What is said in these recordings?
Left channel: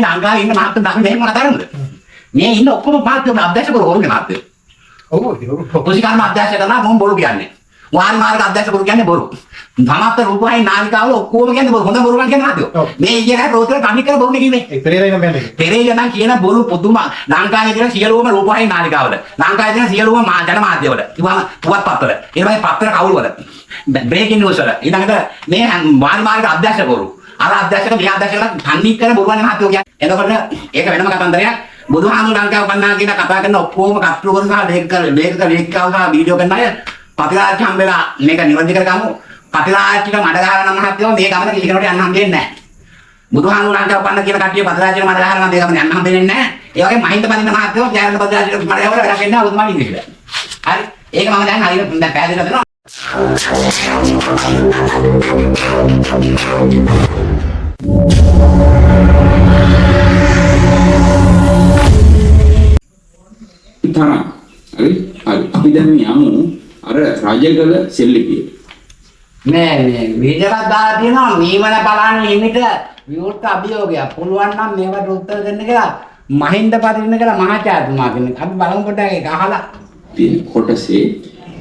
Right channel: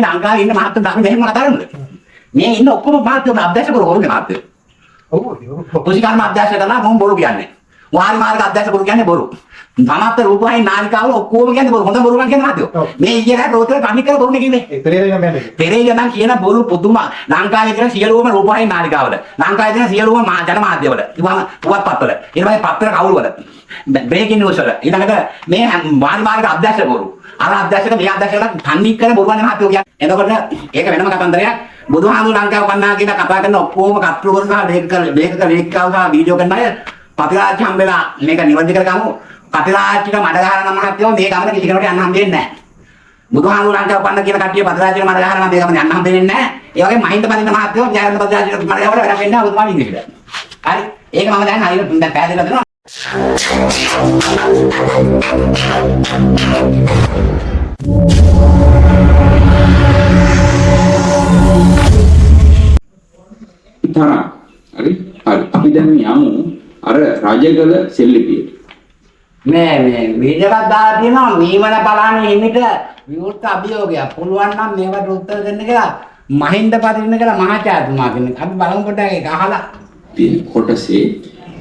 ලංකාවේ ඉන්න මහත්තු නම් මෙහෙම කතාරන්නද? මේ ඉන්න ඔක්කොම මහත්තු අධ්‍යක්ෂක කරුවෝනේ මහත්තු. ඔව් කුසිකර්ම අධ්‍යක්ෂක කරලා මොම් බොරු කියන්නේ. වාරි මාර්ග අධ්‍යක්ෂක කරු කියන්නේ බොරු. සමස්ත රූපවාහිනී නාලිකාවල ඔක්කොම කියන්නේ බොරු. හොඳ බොරු කියන්නේ මහත්තු. මේ ඊයේ රෝතර කණි කර බොරුනේ කිව්වේ. පෙරේරා නම් යන්නේ. පෙරේරා නම් කියන බොරු පුදුම ලංකාවේ තියෙන සියලුම රූපවාහිනී නාලිකාවල. ලංකාවේ තියෙන සියලුම ජනමාධ්‍යවල. ඉතින් පුවත්පත්වල. ඊළඟට පත්‍ර කවුරුවල. බ්‍රේකින් නිවුස් වල. ඊළඟට මේ වාරි මාර්ග අධ්‍යක්ෂක කරු. අර අධ්‍යක්ෂක මේ අධ්‍යක්ෂකලා තන්නේ කර බොරුවන්නේ මහත්තු කියන්නේ. එතකොට ඒක වෙනම කතන්දරයක්. බුදුහාමුදුරු ලංකාව පන්නා කියන කතා කරන ඔක්කොම කට්ටුවරු සහ ලේඛක සහ වීඩියෝ කරන අය පතිරාජ්‍ය හම්බෙලා මේක නිවැරදි කරගමු. පතිරාජ්‍යට මඩ ගහලා නම් මහත්යෝ මේ ගමන කිසි කෙනෙකුට යන්න හම්බෙන්නේ නැහැ. බුදුහාමුදුරු ලංකාව පන්න කියන කට්ටිය පතිරාජ්‍යට මඩ ගහලා නම් මේ ගමන යන්න හම්බෙන්නේ නැහැ. ඒ වගේ මහින්ද පදින්න මහත්යෝ ජයරත්න පතිරාජ්‍යට මඩ ගහලා වැඩ වෙන්නේ නැහැ බුදුමාන ඉන්නේ. හරි. ඒක මම දැන් හරියට දැන් පැහැදිලි කරනවා. තරම් හරි අපි දැන් යමු අර රජගල සෙල්ලිපියට මේ වීඩියෝවක් දාලා තියෙනවා මීමන බලන්න හිමිට විවෘත අභියෝගයක් පුළුවන් නම් මේකට උත්තර දෙන්න කියලා මහින්ද පදින්න කියලා මහාචාර්යතුමා කෙනෙක් අපි බලමු පොඩ්ඩක් ඒක අහලා තියෙන කොටසේ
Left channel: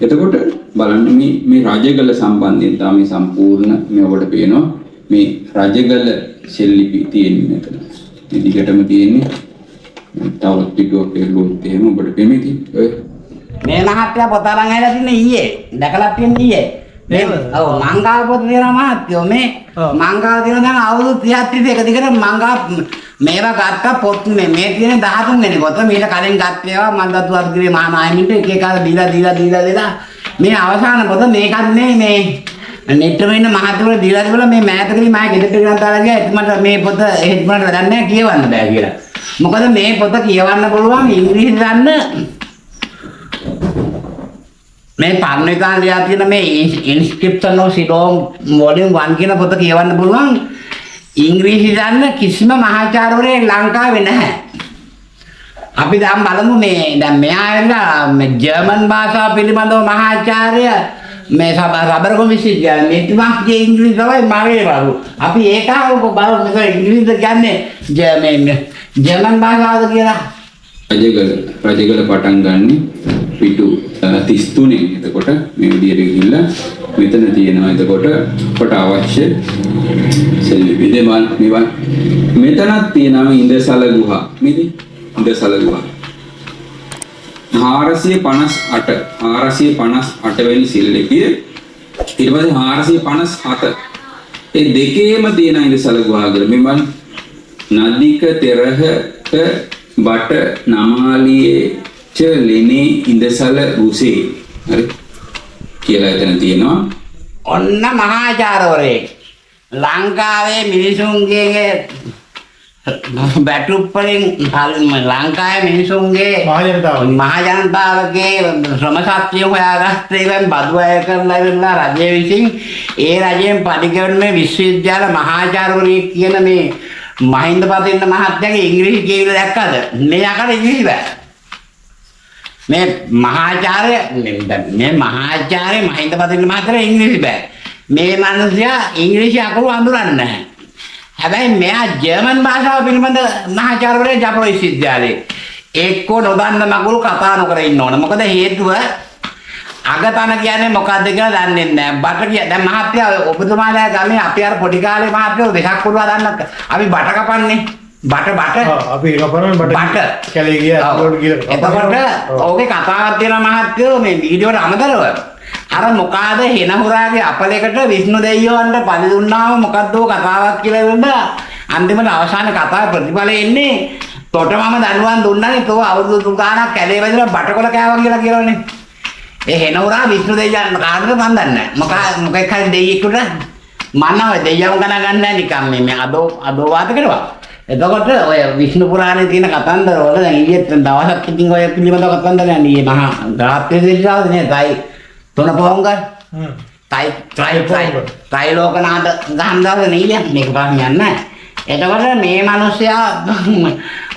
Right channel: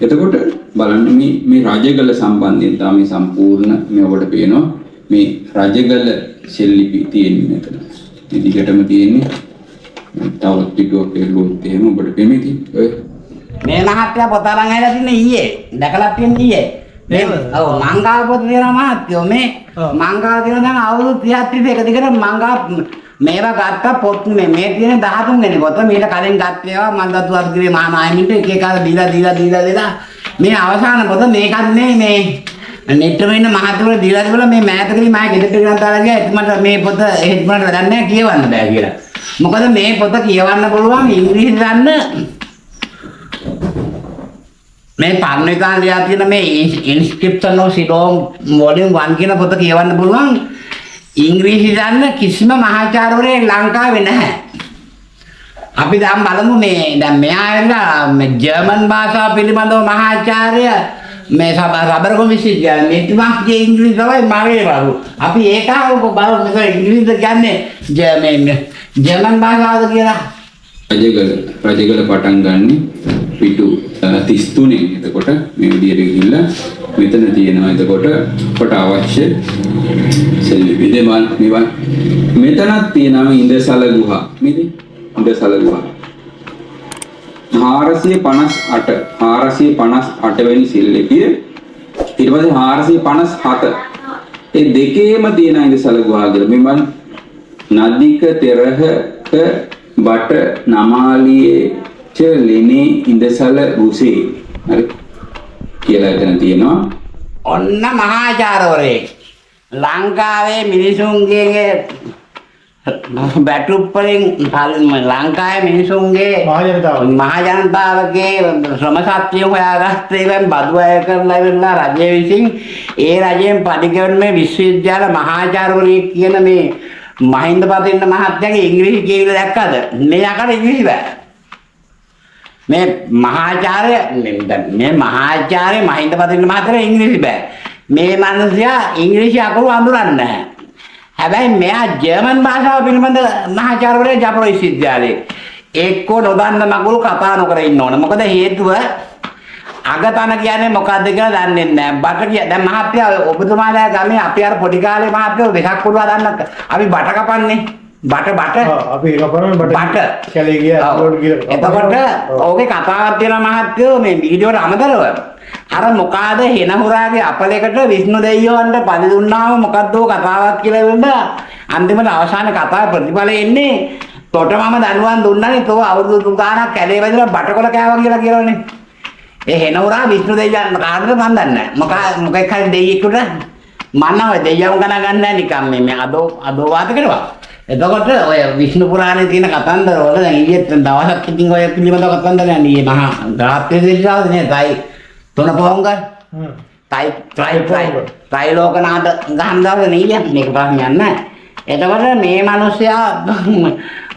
එතකොට බලන්න මේ රජගල සම්බන්ධයෙන් තමයි සම්පූර්ණ මේ ඔබට පේනවා මේ රජගල සෙල්ලිපි තියෙන්නේ මෙතන මේ දිගටම තියෙන්නේ තවත් පිටුවක් එළුවොත් එහෙම ඔබට පෙමෙති ඔය මේ මහත්තයා පොත අරන් ඇවිල්ලා තින්නේ ඊයේ දැකලා තින්නේ ඊයේ ඔව් මංගාව පොත දෙනවා මහත්තයෝ මේ මංගාව දෙන දැන් අවුරුදු 30 එක දිගට මංගා මේවා ගත්ත පොත් මේ තියෙන 13 වෙනි පොත මීට කලින් ගත්ත ඒවා මන්දතු වර්ගයේ මහා නායමින්ට එක එක දීලා මේ අවසාන පොත මේකත් මේ නෙට්ටම ඉන්න මහත්තයෝ දීලා මේ මෑතකදී මම ගෙදරට ගෙනත් දාලා ගියා එතුමාට මේ පොත එතුමාට වැඩක් නැහැ කියවන්න බෑ කියලා මොකද මේ පොත කියවන්න පුළුවන් ඉංග්‍රීසි දන්න මේ පරණිකාන් ලියා තියෙන මේ ඉන්ස්ක්‍රිප්ෂන් ඔෆ් සිලෝන් වොලියුම් 1 කියන පොත කියවන්න පුළුවන් ඉංග්‍රීසි දන්න කිසිම මහාචාර්යවරයෙක් ලංකාවේ නැහැ. අපි දැන් බලමු මේ දැන් මෙයා ඇවිල්ලා මේ ජර්මන් භාෂාව පිළිබඳව මහාචාර්ය මේ සබරගම විශ්වවිද්‍යාලයේ මෙතුමාගේ ඉංග්‍රීසි තමයි මගේ බරු. අපි ඒක බලමු මේක ඉංග්‍රීසිද කියන්නේ ජර්මන් භාෂාවද කියලා. රජගල පටන් ගන්න පිටු 33 එතකොට මේ විදිහට ගිහිල්ලා මෙතන තියෙනවා එතකොට කොට අවශ්‍ය සෙල්ලිපි දෙමල් මේවා මෙතනක් තියෙනවා ඉන්දසල ගුහා මේක ඉන්දසල ගුහා 458 වෙනි සෙල්ලිපිය ඊට පස්සේ 457 ඒ දෙකේම තියෙන ඉන්දසල ගුහා කියලා මෙවන් නදික තෙරහක බට නමාලියේ ච ලෙනේ ඉඳසල රුසේ හරි කියලා එතන තියෙනවා ඔන්න මහාචාර්යවරයෙක් ලංකාවේ මිනිසුන්ගේ බැටුප් වලින් ලංකාවේ මිනිසුන්ගේ මහා ජනතාවගේ ශ්‍රම ශක්තිය හොයාගත්තේ බදු අය කරලා ඉවරලා රජය විසින් ඒ රජයෙන් පරිගණන මේ විශ්වවිද්‍යාල මහාචාර්යවරයෙක් කියන මේ මහින්ද පදින්න මහත්තයාගේ ඉංග්‍රීසි කියවිලා දැක්කද? මේ යකඩ ඉංග්‍රීසි බෑ. මේ මහාචාර්ය මහින්ද පදින්න මහත්තයාට ඉංග්‍රීසි බෑ. මේ මිනිසයා ඉංග්‍රීසි අකුරු අඳුරන්නේ නැහැ. හැබැයි මෙයා ජර්මන් භාෂාව පිළිබඳ මහාචාර්යවරයා ජපන විශ්වවිද්‍යාලයේ එක්කෝ නොදන්න මගුල් කතා නොකර ඉන්න ඕන. මොකද හේතුව අගතන කියන්නේ මොකද්ද කියලා දන්නේ නැහැ. බට කිය දැන් මහත්තයා ඔබතුමාලා ගමේ අපි අර පොඩි කාලේ මහත්තයෝ දෙකක් පුළුවා දන්නත් අපි බට කපන්නේ. බට අපි කපනවා බට කැලේ ගියා රෝඩ් ගිහලා. එතකොට ඕකේ කතාවක් තියෙනවා මහත්තයෝ මේ වීඩියෝට අමතරව. අර මොකාද හෙනහුරාගේ අපලයකට විෂ්ණු දෙවියන්ට පලි දුන්නාම මොකද්ද කතාවක් කියලා වෙන්න අන්තිමට අවසාන කතාවේ ප්‍රතිඵලය එන්නේ තොට මම දනුවන් දුන්නානේ තෝ අවුරුදු 3 ගාණක් කැලේ වැදලා බටකොල කෑවා කියලා කියලානේ. ඒ හෙනවරා විෂ්ණු දෙවියන් කාටද මන් දන්නේ නැහැ. මොකෙක් හරි දෙයියෙකුට මන්නව දෙයියන් ගණන් ගන්න නැහැ නිකන් මේ අදෝ වාද කරනවා. එතකොට ඔය විෂ්ණු පුරාණේ තියෙන කතන්දර වල දැන් ඊයේ දවසක් ඉතින් ඔය පිළිබඳව කතන්දර යන්නේ මහා ගාත්‍රි දේශාවද නේ තයි තොන පොංග තයි ලෝකනාථ ගහන්දාද නේ මේක ප්‍රශ්නයක් නැහැ. එතකොට මේ මිනිස්සයා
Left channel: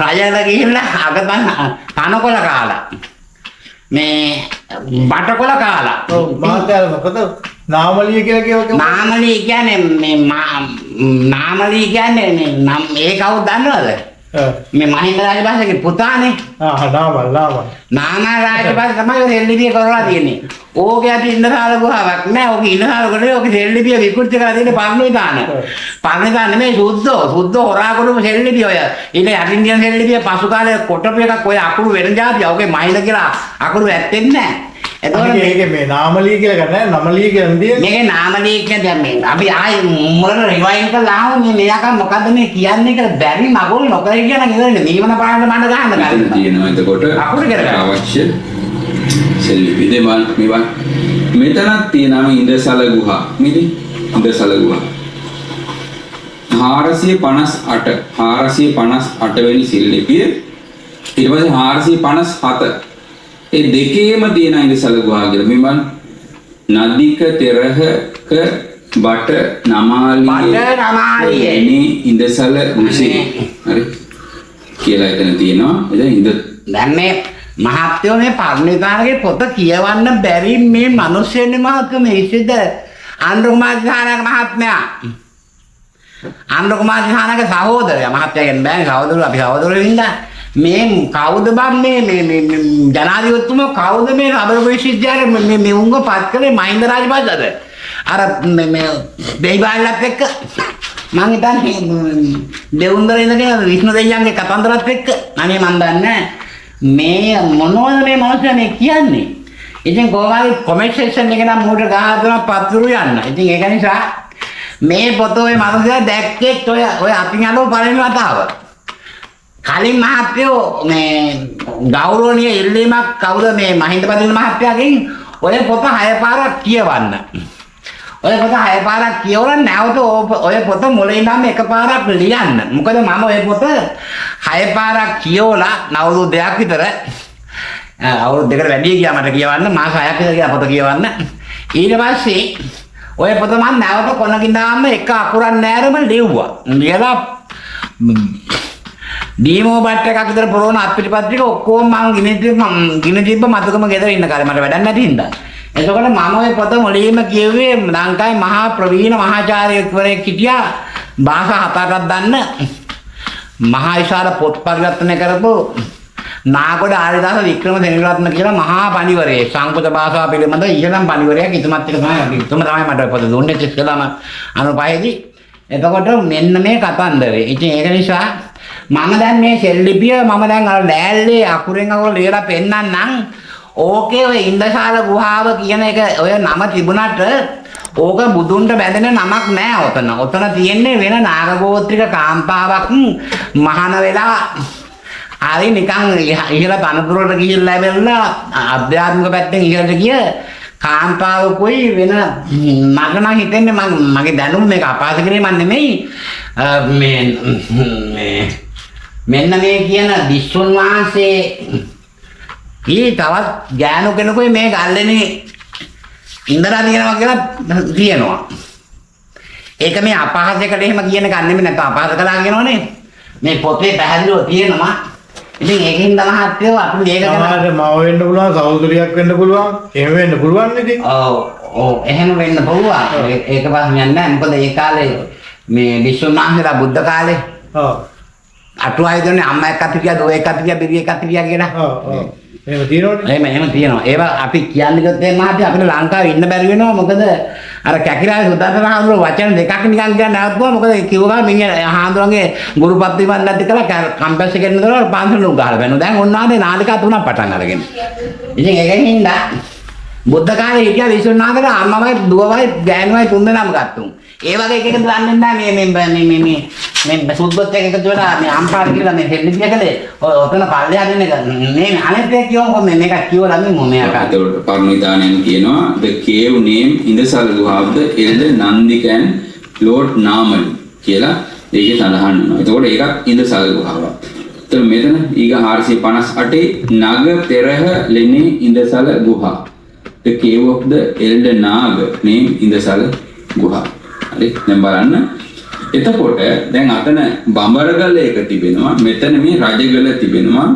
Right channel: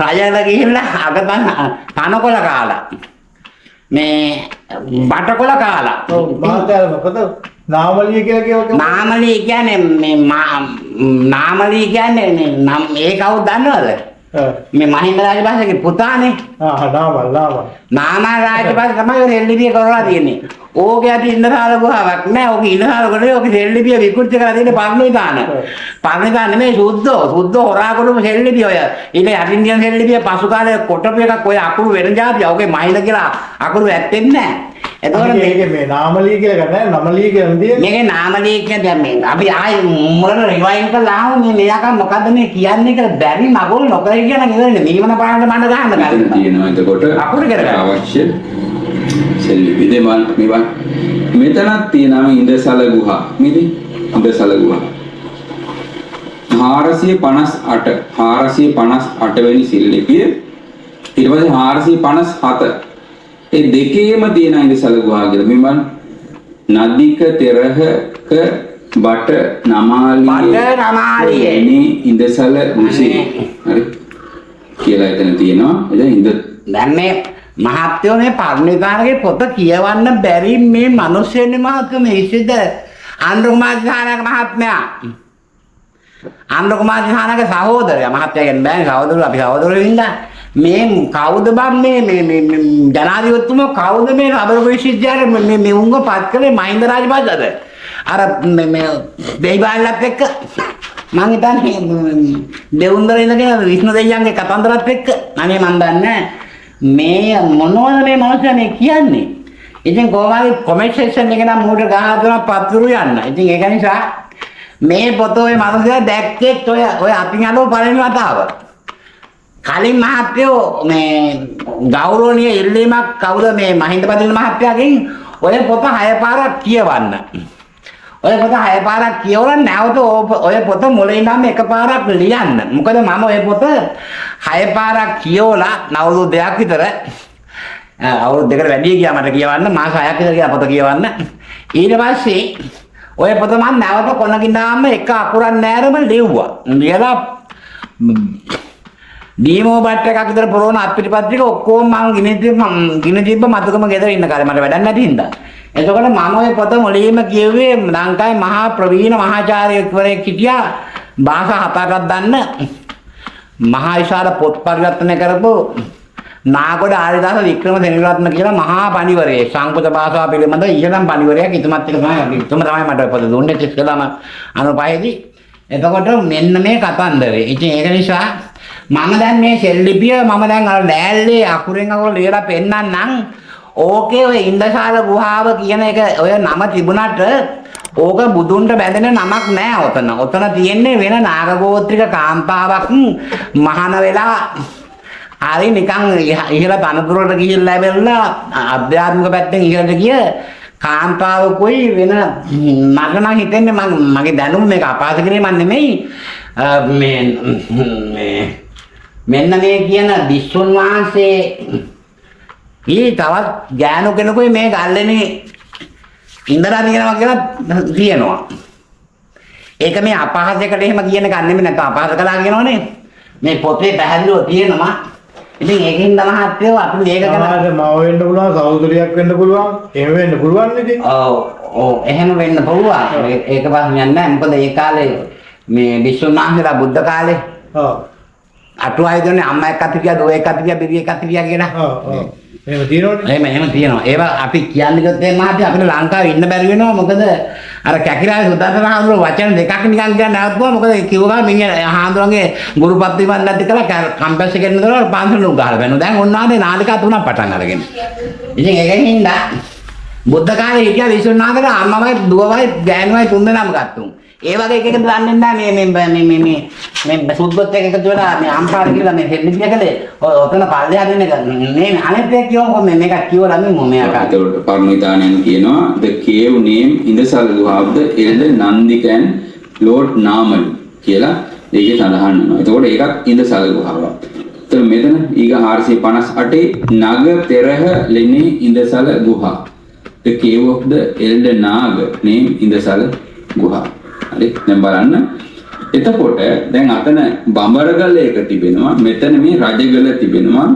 රජල ගිහිල්ලා අගතන තනකොළ කාලා මේ බටකොළ කාලා. ඔව් මාත්‍යාල මොකද නාමලිය කියලා කියවක නාමලී කියන්නේ මේ නාමලී කියන්නේ මේ නම් ඒ කවුද දන්නවද? මේ මහින්ද රාජපක්ෂගේ පුතානේ. නාමල් රාජපක්ෂ තමයි ඔය සෙල්ලිපිය කරලා තියෙන්නේ. ඕකේ ඇති ඉන්දසාල ගුහාවක් නෑ. ඕකේ ඉන්දසාල ගොඩේ ඕකේ සෙල්ලිපිය විකෘති කරලා තියෙන්නේ පර්ණවිතාන. පර්ණවිතාන නෙමෙයි සුද්ධෝ හොරා කොටුම සෙල්ලිපිය ඔය. ඊට යටින් තියෙන සෙල්ලිපිය පසු කාලේ කොටපු එකක් ඔය අකුරු වෙන જાතිය. ඕකේ මහින්ද කියලා අකුරු ඇත්තෙන්නේ නෑ. එතකොට මේ නාමලිය කියලා ගන්න නමලිය කියලා නෙදී මේකේ නාමලිය කියන්නේ මේ අපි ආයි මුලට රිවයින්ඩ් කරලා ආව මේ මෙයාක මොකද්ද මේ කියන්නේ කියලා බැරි මගුල් නොකර කියන ඉවරනේ මීමන පාරට මඩ ගහන්න ගන්න තියෙනවා එතකොට අකුරු කරගන්න අවශ්‍ය සෙල්ලිපි දෙමල් මේවා මෙතනක් තියෙනවා ඉන්දසල ගුහා මේදී ඉන්දසල ගුහා 458 වෙනි සෙල්ලිපිය ඊට පස්සේ 457 ඒ දෙකේම තියෙන ඉන්දසල ගුහා කියලා මෙවන් නදික තෙරහක බට නමාලියේ ඉන්දසල රුසි හරි කියලා එතන තියෙනවා එතන ඉන්ද දැන් මේ මහත්යෝ මේ පර්ණවිතානගේ පොත කියවන්න බැරි මේ මිනිස්සුන්නේ මහත්කම ඉසිද ආන්ද්‍ර කුමාර දිසානායක මහත්මයා ආන්ද්‍ර කුමාර දිසානායක සහෝදරයා මහත්යාගෙන් බෑනේ සහෝදරයෝ අපි සහෝදරයෝ වින්දා මේ කවුද බම් මේ ජනාධිපතිතුමා කවුද මේ රබර් විශ්වවිද්‍යාලේ මේ උංග පත් කළේ මහින්ද රාජපක්ෂද අර මේ දෙයිබාලත් එක්ක මං හිතන්නේ දෙවුන්දර ඉඳගෙන විෂ්ණු දෙයියන්ගේ කතන්දරත් එක්ක අනේ මන් දන්නේ මේ මොනවද මේ මිනිස්සු මේ කියන්නේ ඉතින් කොහොමද කොමෙන්ට් සෙක්ෂන් එකේ නම් මූට ගහන පත්තුරු යන්න ඉතින් ඒක නිසා මේ පොත ඔය මිනිස්සු දැක්කෙත් ඔය අතින් අලෝ පළවෙනි වතාව කලින් මහත්යෝ මේ ගෞරවනීය ඉල්ලීමක් කවුද මේ මහින්ද පදින මහත්යාගෙන් ඔය පොත 6 පාරක් කියවන්න. ඔය පොත 6 පාරක් කියවලා නැවත ඔය පොත මුලින් ඉඳන්ම එකපාරක් ලියන්න. මොකද මම ඔය පොත 6 පාරක් කියවලා අවුරුදු 2ක් විතර අවුරුදු 2කට වැඩි ගියා මට කියවන්න මාස 6ක් විතර ගියා පොත කියවන්න. ඊට පස්සේ ඔය පොත මම නැවත කොනකින් දාන්න එක අකුරක් නෑරම ලිව්වා. ලියලා ඩීමෝ බට් එකක් විතර පුරවන අත්පිටිපත්‍රික ඔක්කොම මම ගිනි තිබ්බ මතකම ගෙදර ඉන්න කාලේ මට වැඩක් නැති හින්දා. එතකොට මම ওই පොත මුලින්ම කියුවේ ලංකාවේ මහා ප්‍රවීණ මහාචාර්යවරයෙක් හිටියා භාෂා 7-8ක් දන්න මහා විශාල පොත් පරිවර්තනය කරපු නාගොඩ ආරිදාස වික්‍රමසේනරත්න කියලා මහා පඬිවරයෙක් සංස්කෘත භාෂාව පිළිබඳ ඉහළම පඬිවරයෙක් ඉතුමත් එක තමයි මට පොත දුන්නේ ඉස්සෙල්ලාම 95 දී. එතකොට මෙන්න මේ කතන්දරේ. ඉතින් ඒක නිසා මම දැන් මේ සෙල්ලිපිය මම දැන් අර ලෑල්ලේ අකුරෙන් අකුර ලියලා පෙන්නන්නම්. ඕකේ ඔය ඉන්දසාල ගුහාව කියන එක ඔය නම තිබුණාට ඕක බුදුන්ට බැඳෙන නමක් නෑ ඔතන. ඔතන තියෙන්නේ වෙන නාගගෝත්‍රික කාන්තාවක් මහාන වෙලා හරි නිකන් ඉහළ තනතුරට ගිහිල්ලා ලැබෙලා අධ්‍යාත්මික පැත්තෙන් ඉහළට ගිය කාන්තාවකුයි වෙන මට නම් හිතෙන්නේ මගේ දැනුම මේක අපහාස කිරීමක් නෙමෙයි මෙන්න මේ කියන විසුන් වහන්සේ ඊ තවත් ගෑනු කෙනෙකුයි මේ ගල්ලෙනේ ඉඳලා තියෙනවා කියලා තියෙනවා. ඒක මේ අපහාසයකට එහෙම කියන එක නෙමෙයි නැත්නම් අපහාස කළා කියනවනේ. මේ පොතේ පැහැදිලිව තියෙනවා. ඉතින් ඒකෙන් මහත්යෝ අපි මේක කරලා මම වෙන්න පුළුවන් සහෝදරියක් වෙන්න පුළුවන්. එහෙම වෙන්න පුළුවන් නේද? ඔව් එහෙම වෙන්න පුළුවන්. ඒක පස්සේ යන්නේ නැහැ. මොකද ඒ කාලේ මේ විශ්වනාථලා බුද්ධ කාලේ අටුවාවේ දෙන්නේ අම්මා එක්ක අතිරියා දුව එක්ක අතිරියා බිරිය එක්ක අතිරියා කියලා. එහෙම තියෙනවනේ. එහෙම තියෙනවා. ඒවා අපි කියන්නේ ගොත් මේ මහත්ය අපිට ලංකාවේ ඉන්න බැරි වෙනවා. මොකද අර කැකිරාවේ සුදස්සන හාමුදුරුවෝ වචන දෙකක් නිකන් කියන්න නැවතුවා. මොකද කිව්වා මිනිහ හාමුදුරුවන්ගේ ගුරුපත් වීමක් නැති කියලා කම්පැස් එකෙන් ඉඳලා පාන්සලට ගහලා බැලුවා. දැන් ඔන්නානේ නාලිකා තුනක් පටන් අරගෙන. ඉතින් ඒකෙන් හින්දා බුද්ධ කාලේ හිටියා විසුණුනාගල අම්මවයි දුවවයි ගෑනුවයි තුන්දෙනාම ගත්තුන්. ඒ වගේ එකකට දන්නේ නැහැ මේ සුද්ධොත් එක එකතු වෙලා මේ අම්පාර කියලා මේ හෙල්ලිපිය කලේ ඔතන පල්ලෙහා දෙන එක මේ අනෙත් එක කියවම මේක කියවලා මේ මොමයා කාට ඒකට පර්ණවිතානයන් කියනවා the cave name ඉන්දසල ගුහාව the elder Nandika and Lord Namal කියලා ඒකේ සඳහන් වෙනවා. එතකොට ඒකත් ඉන්දසල ගුහාවක්. එතකොට මෙතන ඊග 458 නග තෙරහ ලෙනේ ඉන්දසල ගුහා the cave of the elder Naga name ඉන්දසල ගුහා. හරි දැන් බලන්න එතකොට දැන් අතන බඹරගල එක තිබෙනවා මෙතන මේ රජගල තිබෙනවා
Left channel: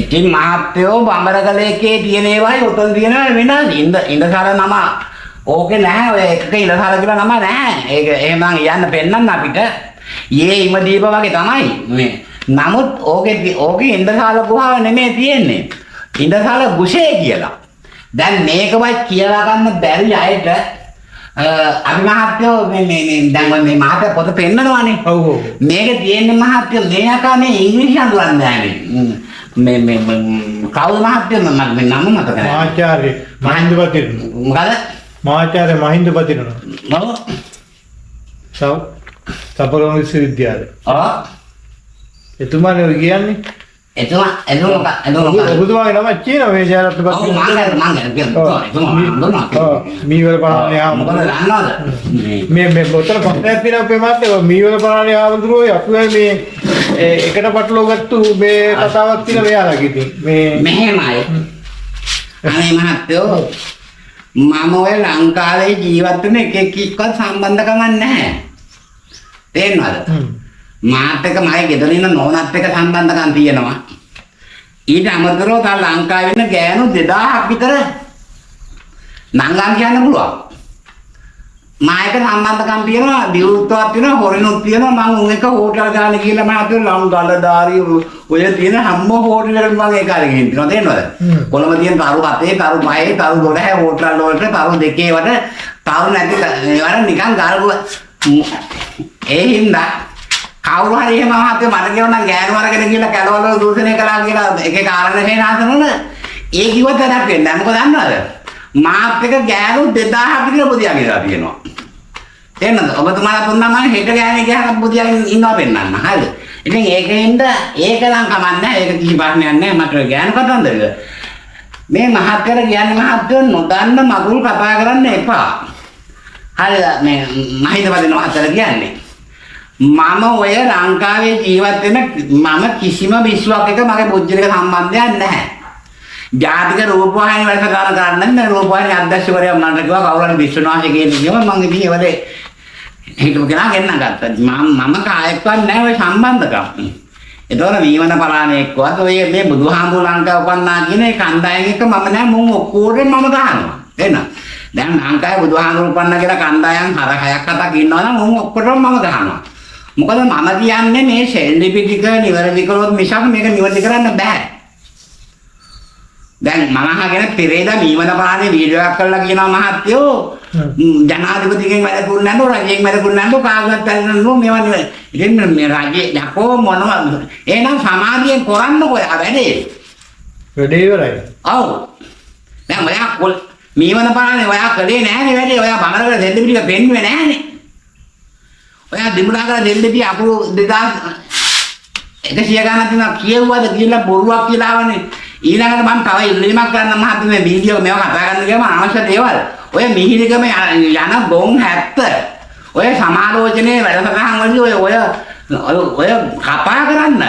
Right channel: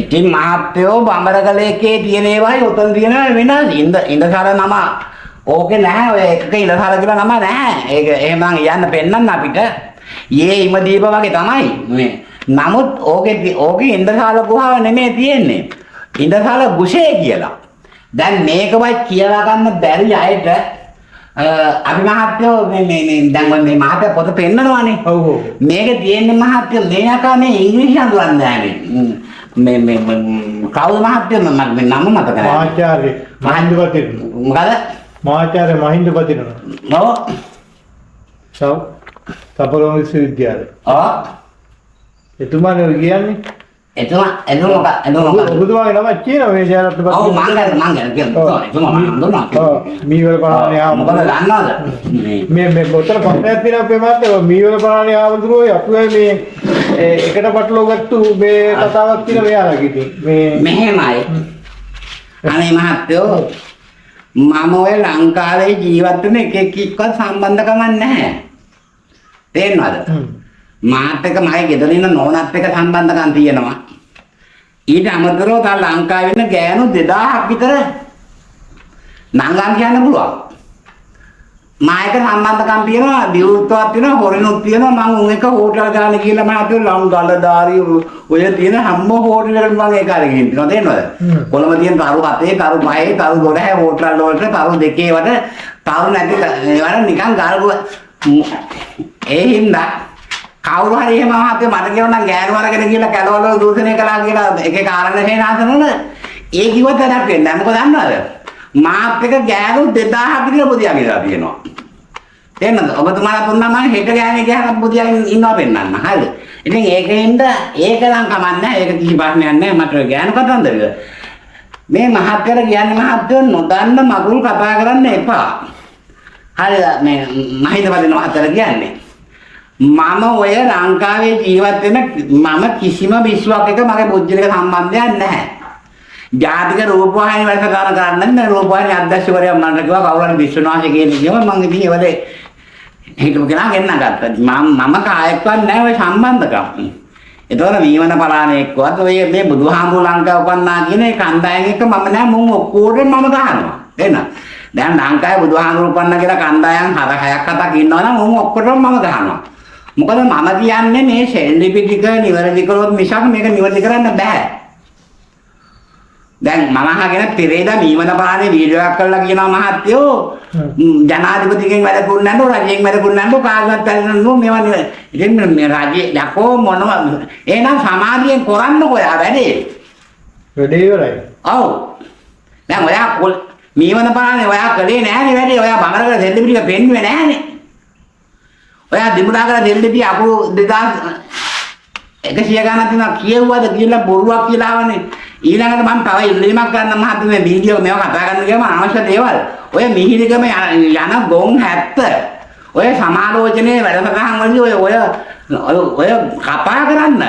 ඉතින් මහත්තයෝ බඹරකලේකේ තියෙන ඒවායි උතන් තියෙන වෙනස් ඉඳසාල නම ඕකේ නැහැ ඔය එකක ඉඳසාල කියලා නම නැහැ. ඒක එහෙම නම් යන්න පෙන්නන්න අපිට. යේ ඉමදීප වගේ තමයි මේ. නමුත් ඕකේ ඉඳසාල ගුහාව නෙමෙයි තියෙන්නේ. ඉඳසාල ගුෂේ කියලා. දැන් මේකවත් කියලා ගන්න බැරි අයට අපි මහත්තයෝ මේ දැන් මේ මහත්තයා පොත පෙන්නනවානේ. ඔව් ඔව්. මේක තියෙන්නේ මහත්තයෝ මේ යකා මේ ඉංග්‍රීසි අඳුරන්නේ නැහැ මේ කවුද මහත්තයෝ මම නම මතක නැහැ. මහාචාර්ය මහින්දපතින. මොකද? මහාචාර්ය මහින්දපතින. ඔව්. සපරෝම විශ්වවිද්‍යාලය. ඔව්. එතුමානේ ඔය කියන්නේ. එතුමා ඔබතුමාගේ නම කියනවා මේ ජයරත්න පතින. ඔව් මං කියනවා. මීවල පරාණේ මොකද දන්නවද? මේ බොතල පස්සක් තියෙනවා අපේ මාත්‍යා මීවල පරාණේ ආවඳුරෝ අපි මේ එකට පටලව ගත්තු මේ කතාවක් තියෙන මෙයාලගේ ඉතින් මේ මෙහෙමයි. අනේ මහත්තයෝ මම ඔය ලංකාවේ ජීවත් වෙන එකෙක්වත් සම්බන්ධකමක් නැහැ. තේරෙනවද? මාත් එක්ක මගේ ගෙදර ඉන්න නෝනත් එක්ක සම්බන්ධකම් තියෙනවා. ඊට අමතරව තව ලංකාවේ ඉන්න ගෑනු 2000ක් විතර නංගම් කියන්න පුළුවන්. මායක සම්බන්ධකම් තියෙනවා, විවෘතවත් තියෙනවා, හොරිනුත් තියෙනවා. මම උන් එක හෝටල් ගානේ කියලා මම අතේ ගලදාරි ඔය තියෙන හැම හෝටල් එකකම මම ඒක අරගෙන ඉන්නවා. තේරෙනවද? කොළඹ තියෙන තරු 7, තරු 5, තරු 12 හෝටල් වලට තරු 2 වට තරු නැති ඒවට නිකන් ගාල්ගුව ඒ හින්දා කවුරු හරි එහෙම මහත්තයෝ මට කියනවා නම් ගෑනු වරගෙන කියලා කැලවල දූෂණය කළා කියලා එකේ කාරණා හේනාසනවල ඒ කිව්වත් වැඩක් වෙන්නේ නැහැ. මොකද දන්නවද? මාත් එක ගෑනු 2000ක් විතර බුදියා කියලා තියෙනවා. තේරෙනවද? ඔබතුමාලා තුන්නා මම හෙට ගෑනේ ගහන බුදියාගෙන ඉන්නවා පෙන්නන්න. හරිද? ඉතින් ඒකෙන්ද ඒක නම් කමන්නේ. ඒක කිසි ප්‍රශ්නයක් නැහැ. මට ගෑනු කතන්දරද? මේ මහත්තයලා කියන්නේ මහත්තයෝ නොදන්න මගුල් කතා කරන්න එපා. හරිද? මේ මහින්දපතින මහත්තයලා කියන්නේ මම ඔය ලංකාවේ ජීවත් වෙන මම කිසිම විශ්වාසයක මගේ බුද්ධියක සම්බන්ධයක් නැහැ. ජාතික රූපවාහිනී වැඩසටහන කරන්න මේ රූපවාහිනී අධ්‍යක්ෂකවරයා මට කිව්වා කවුරු හරි විශ්වනාථ කියන කිව්වා මම ඉතින් ඒවලේ හිටපු කෙනා ගෙන්න ගත්තා. මම කායක්වත් නැහැ ඔය සම්බන්ධකම්. ඒතකොට මීවන පලාණේක්වත් ඔය මේ බුදුහාමුදුර ලංකාව උපන්නා කියන ඒ කණ්ඩායම එක මම නෑ මුන් ඔක්කොටම මම ගහනවා. එන්න. දැන් ලංකාවේ බුදුහාමුදුර උපන්නා කියලා කණ්ඩායම් 6ක් 7ක් ඉන්නවනම් මුන් ඔක්කොටම මම ගහනවා. මොකද මම කියන්නේ මේ ශෛලිපි ටික නිවැරදි කරොත් මිසක් මේක නිවැරදි කරන්න බෑ. දැන් මම අහගෙන පෙරේදා මීවන පානේ වීඩියෝ එකක් කරලා කියනවා මහත්තයෝ ජනාධිපතිගෙන් වැඩ කුන්නන්නු රජයෙන් වැඩ කුන්නන්නු කාගවත් පැනනු මේවා නෙවෙයි. ඉතින් මේ රජේ යකෝ මොනවා එහෙනම් සමාධියෙන් කරන්නකො යා වැඩේ. වැඩේ ඉවරයි. ඔව්. දැන් ඔයා මීවන පානේ ඔයා කළේ නෑනේ වැඩේ. ඔයා බංගලකට දෙල්ල පිටික පෙන්නුවේ නෑනේ. ඔයා දිමුලාගල දෙල්ලපිය අකුරු 2100 ගණන් තියෙනවා කියවුවද කියලා බොරුවක් කියලා ආවනේ. ඊළඟට මම තව ඉල්ලීමක් කරන්න මහත්තයා මේ වීඩියෝ මේවා කතා කරන්න ගියාම අවශ්‍ය දේවල් ඔය මිහිරිකම යන ගොන් 70 ඔය සමාලෝචනයේ වැඩසටහන් වලදී ඔය කතා කරන්න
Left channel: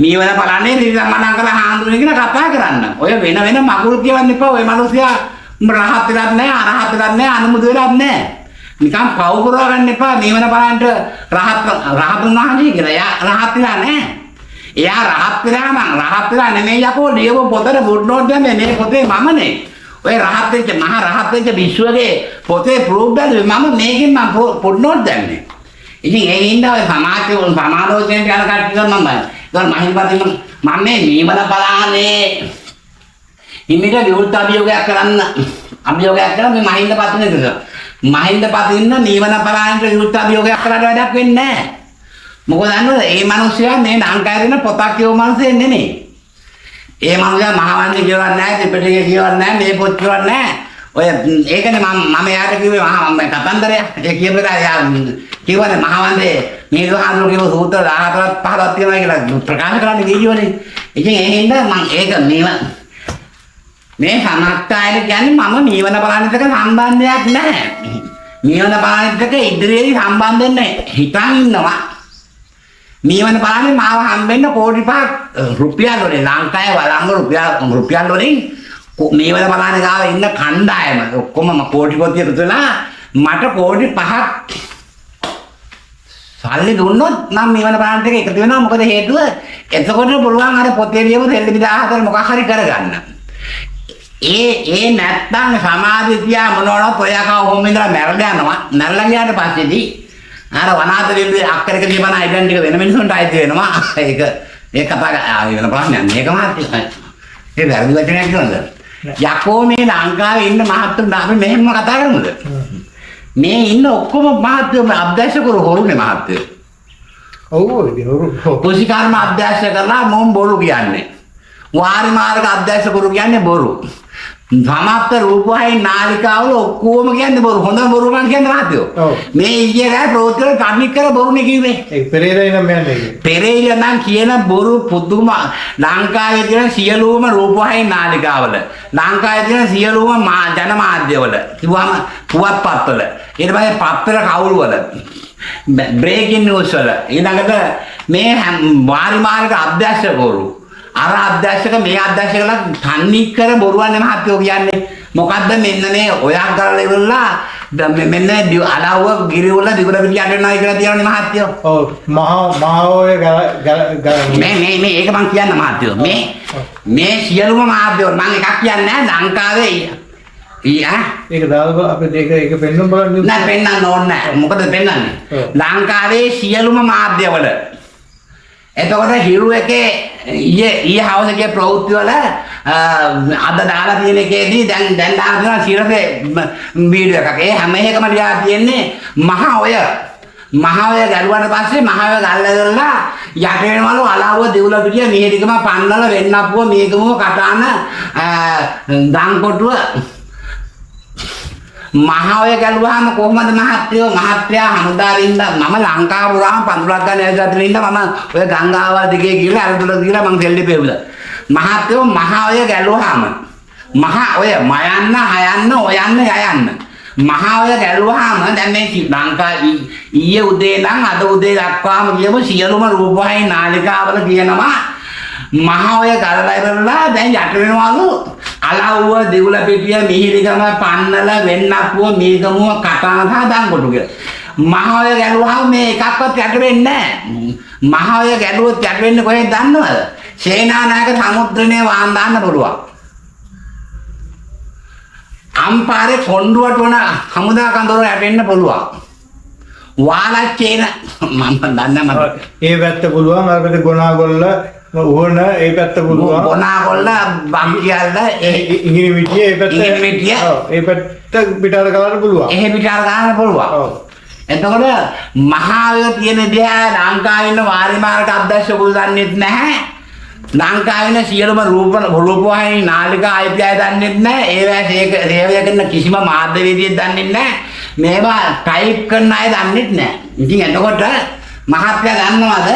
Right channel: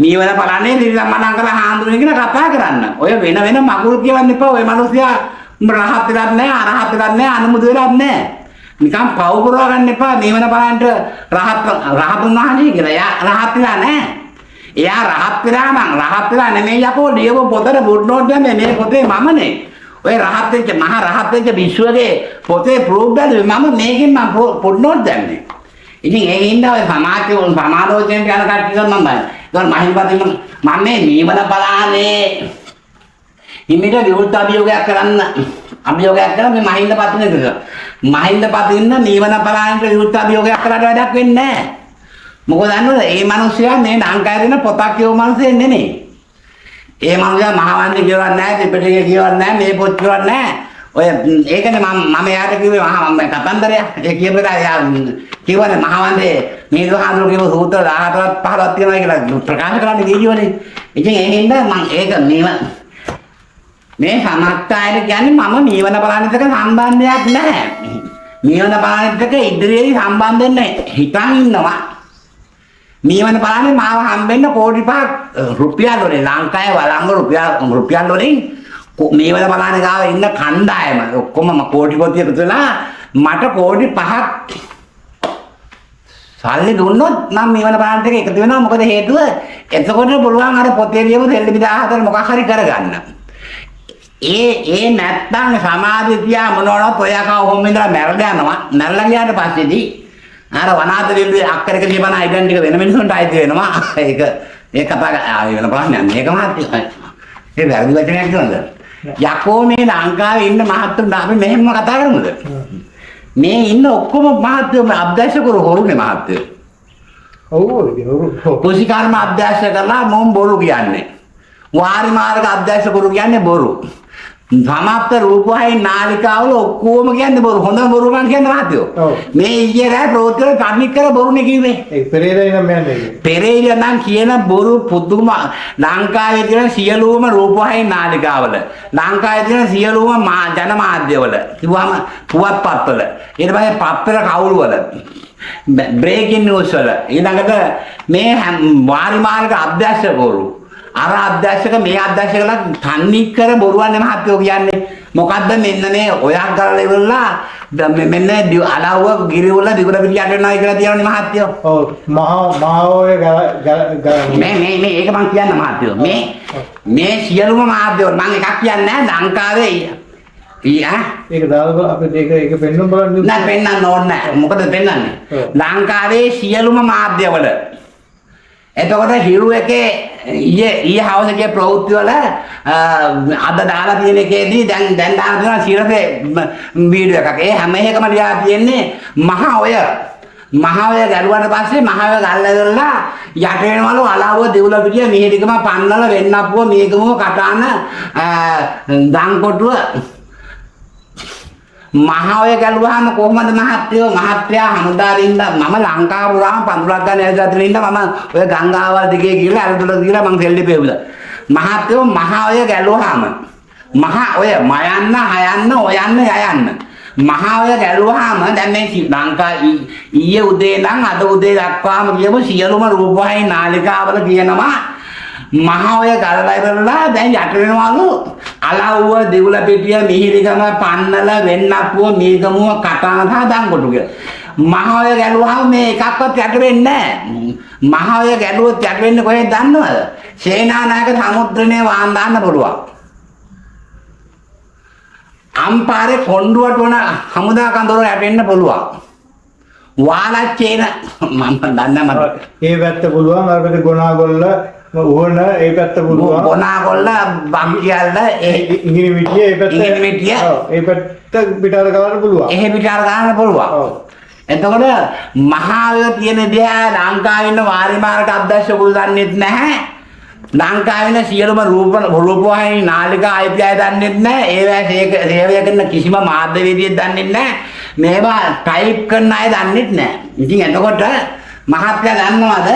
මීවන බලන්නේ නිරමණන් කළ හාමුදුරනේ කියලා කතා කරන්න. ඔය වෙන මගුල් කියවන්න එපා. ඔය මිනිස්සයා රහත් වෙලක් නැහැ, අරහත් වෙලක් නැහැ, අනුමුද වෙලක් නැහැ. නිකන් පව පුරව ගන්න එපා. මේවන බලන්න රහතුන් වහන්සේ කියලා. එයා රහත් වෙලා නැහැ. එයා රහත් වෙලා නම් රහත් වෙලා නෙමෙයි යකෝ ලියව පොතේ ෆුට් නෝට් දැම්මේ මේ පොතේ මමනේ. ඔය රහත් වෙච්ච මහා රහත් වෙච්ච විශ්වගේ පොතේ ප්‍රූෆ් බැලුවේ මම මේකෙන් මම ෆුට් නෝට් දැම්මේ. ඉතින් ඒ හින්දා ඔය සමාලෝචනයට යන කට්ටිය මම බලන්න. ඒතකොට මහින්දපතින් මම මේ මේවන බලානේ හිමිට විවෘත අභියෝගයක් කරන්න මේ මහින්දපතින් එක. මහින්දපතින්න නීවන පලායන්ට විරුද්ධ අභියෝගයක් කරලා වැඩක් වෙන්නේ නැහැ. මොකද දන්නවද? මේ මිනිස්සයා මේ ලංකාවේ දෙන පොතක් කියව මිනිස්සෙ නෙමෙයි. ඒ මිනිස්සයා මහවන්නේ කියවන්නේ නැහැ, ත්‍රිපිටකය කියවන්නේ නැහැ, මේ පොත් කියවන්නේ නැහැ. ඔය ඒකනේ මම එයාට කිව්වේ මම කතන්දරය. ඒ කියපේලා එයා කිව්වනේ මහවන්නේ මේ දුහාඳුර කියව සූත්‍ර 14ක් 15ක් තියෙනවා කියලා ප්‍රකාශ කරන්න වීඩියෝනේ. ඉතින් ඒ හින්දා මම ඒක මේ සමස්තයල කියන්නේ මම මීවන බලන්නත් එක්ක සම්බන්ධයක් නැහැ. මීවන බලන්නත් එක්ක ඉදිරියේදී සම්බන්ධ වෙන්නේ හිතන් ඉන්නවා. මීවන බලන්නේ මාව හම්බෙන්න කෝටි 5ක් රුපියල් වලින් ලංකාවේ වළංගු රුපියල් වලින් මීවන බලන්නේ ගාව ඉන්න කණ්ඩායම ඔක්කොම කෝටි පොතිය පුතලා මට කෝටි 5ක් සල්ලි දුන්නොත් නම් නිවන ප්‍රාන්ත එක එකතු වෙනවා. මොකද හේතුව එතකොට පුළුවන් අර පොතේ ලියපු දෙල්ලි 14 මොකක් හරි කරගන්න. ඒ නැත්තම් සමාධිය තියා මොනවවත් ඔයා කවුරුම ඉඳලා මැරලා යනවා. මැරලා ගියාට පස්සේදී අර වනාන්තරයේ අක්කරක දීපන අයිඩන් ටික වෙන මිනිසුන්ට අයිති වෙනවා. ඒක කතා වෙන ප්‍රශ්නයක්. මේක මහත්ය. ඒ වැරදි වචනයක් කියනද? යකෝ මේ ලංකාවේ ඉන්න මහත්තුන් අපි මෙහෙම කතා කරමුද? මේ ඉන්න ඔක්කොම මහත්යෝ අභ්‍යාස කරු හොරුනේ මහත්යෝ. ඔව් ඉතින් හොරු. කුසිකර්ම අභ්‍යාස කරලා මොම් බොරු කියන්නේ. වාරි මාර්ග අභ්‍යාස කරු කියන්නේ බොරු. සමාප්ත රූපවයි නාලිකාවල ඔක්කොම කියන්නේ බොරු. හොඳ බොරු මං කියන්නේ මහත්යෝ. මේ ඊයේ රෑ ප්‍රෝත්‍යවල කර්ණික කර බොරුනේ කිව්වේ. ඒ පෙරේරා නම් යන්නේ. පෙරේරා නම් කියන බොරු පුදුම ලංකාවේ තියෙන සියලුම රූපවයි නාලිකාවල ලංකාවේ තියෙන සියලුම ජනමාධ්‍යවල කිව්වම පුවත්පත්වල ඊට පස්සේ පත්තර කවුළු වල බ්‍රේකින් නිවුස් වල ඊළඟට මේ වාරි මාර්ග අභ්‍යාසකවරු අර අධ්‍යක්ෂක මේ අධ්‍යක්ෂකලා තන්නේ කර බොරුවන්නේ මහත්යෝ කියන්නේ මොකද්ද මෙන්න මේ ඔයක් කරලා ඉවරලා මෙන්න අලව්ව ගිරිවල දිගුර පිටියට යනවා කියලා කියනනේ මහත්යෝ. ඔව් මහා ඔය මේ ඒක මං කියන්න මහත්යෝ මේ සියලුම මාධ්‍යවල මං එකක් කියන්නේ නැහැ ලංකාවේ ඒක දාලා අපිට ඒක පෙන්වන්න බලන්න නෑ පෙන්වන්න ඕනේ නෑ. මොකද පෙන්වන්නේ ලංකාවේ සියලුම මාධ්‍යවල එතකොට හිරු එකේ ඊයේ හවස ගිය ප්‍රවෘත්ති වල අද දාලා තියෙන එකේදී දැන් දාලා තියෙනවා සිරසේ වීඩියෝ එකක්. ඒ හැම එකම ලියලා තියෙන්නේ මහා ඔය ගැලුවාට පස්සේ මහා ඔය ගල්ලදලා යට වෙනවලු අලව්ව දෙවුල පිටිය මිහිරිකම පන්නල වෙන්නප්පුව මේකම කටාන දන්කොටුව මහාවය ගැලුවාම කොහොමද මහත්යා හමුදාරින්ද මම ලංකාව පුරාම පඳුරක් ගන්න ඇවිත් ඉඳලා මම ඔය ගංගාවල් දිගේ ගිහලා අරදුල ගිහලා මං සෙල්ලි පෙවුදා. මහත්යෝ මහාවය ගැලුවාම මහා ඔය මයන්න හයන්න ඔයන්න යයන්න මහාවය ගැලුවාම දැන් මේ ලංකා ඊයේ උදේ නම් අද උදේ දක්වාම කියමු සියලුම රූපවාහිනී නාලිකාවල කියනවා මහාවය ගලලා ඉවරලා දැන් යට වෙනවලු අලව්ව දෙවුල පිටිය මිහිරිකම පන්නල වෙන්නප්පුව මේකමුව කටාන සහ දන්කොටු කියලා. මහාවය ගැලුවාම මේ එකක්වත් යට වෙන්නේ නැහැ. මහාවය ගැලුවොත් යට වෙන්නේ කොහෙද දන්නවද? සේනානායක සමුද්‍රනේ වාන් දාන්න පුළුවන්. අම්පාරේ කොණ්ඩුවට වුණ හමුදා කඳවුර යට වෙන්න පුළුවන්. වාලච්චේන මම දන්නේ මට. ඒ පැත්ත පුළුවන් අර පැත්ත ගොනාගොල්ල ඕන ඒ පැත්ත පුළුවන් ගොනාගොල්ල බම්කියල්ල ඉංගිනි මිටිය ඒ පැත්ත ඒ පැත්ත පිටාර ගන්න පුළුවන්. එහෙ පිටාර ගන්න පුළුවන්. එතකොට මහාවය තියෙන දිහා ලංකාවේ ඉන්න වාරි මාර්ග අධ්‍යක්ෂකවරු දන්නෙත් නැහැ. ලංකාවේ ඉන්න සියලුම රූපවාහිනී නාලිකා අයිතිය දන්නෙත් නැහැ. ඒවා සේවය කරන කිසිම මාධ්‍යවේදියෙක් දන්නෙත් නැහැ. මේවා ටයිප් කරන අය දන්නෙත් නැහැ. ඉතින් එතකොට මහත්ය දන්නවද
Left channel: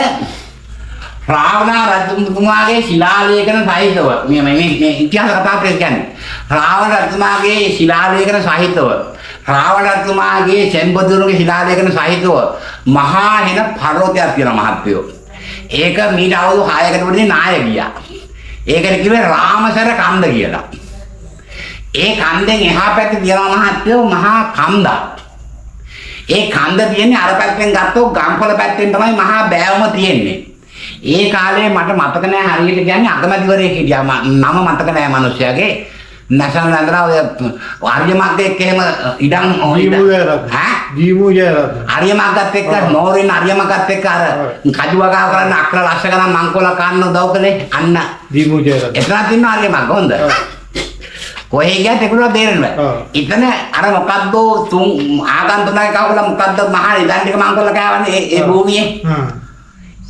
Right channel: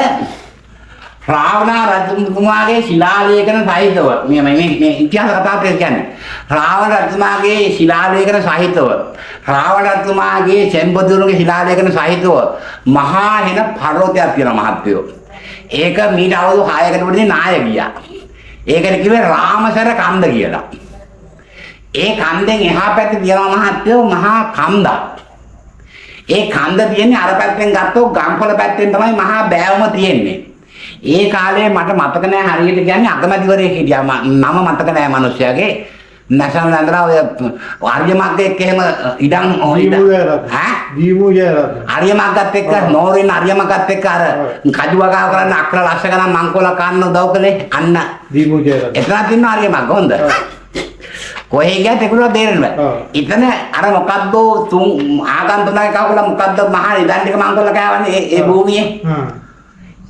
රාවණ රජතුමාගේ ශිලාලේඛන සහිතව මේ ඉතිහාස කතා කියන්නේ රාවණ රජතුමාගේ ශිලාලේඛන සහිතව රාවණ රජතුමාගේ සෙම්බදුරුගේ ශිලාලේඛන සහිතව මහා හෙන පර්වතයක් තියෙනවා මහත්යෝ. ඒක මීට අවුරුදු 6කට වඩා නාය ගියා. ඒකට කිව්වේ රාමසර කන්ද කියලා. ඒ කන්දෙන් එහා පැත්තේ තියෙනවා මහත්යෝ මහා කන්දක්. ඒ කන්ද තියෙන්නේ අර පැත්තෙන් ගත්තොත් ගම්පල පැත්තෙන් තමයි මහා බෑවුම තියෙන්නේ. ඒ කාලේ මට මතක නෑ හරියට කියන්නේ අගමැතිවරයෙක් හිටියා නම මතක නෑ මිනිස්සයාගේ නැෂනල් ඇඳලා ඔය ආර්යමග්ග එක්ක එහෙම ඉඩම් ආර්යමග්ගත් එක්ක නෝරින් ආර්යමග්ගත් එක්ක අර කජුවගාව කරන්න අක්‍ර ලක්ෂ ගණන් මංකොල කන්න උදව් කළේ අන්න දීමුජයරත් එතන තින්න ආර්යමග්ග හොඳ කොහේ ගියත් ඒකුණා බේරෙන්න බෑ. ඉතන අර මොකද්ද තුන් ආගන්තුකයි කවුල මොකද්ද මහා ඉදන් ටික මංකොල කෑවනේ ඒ භූමියේ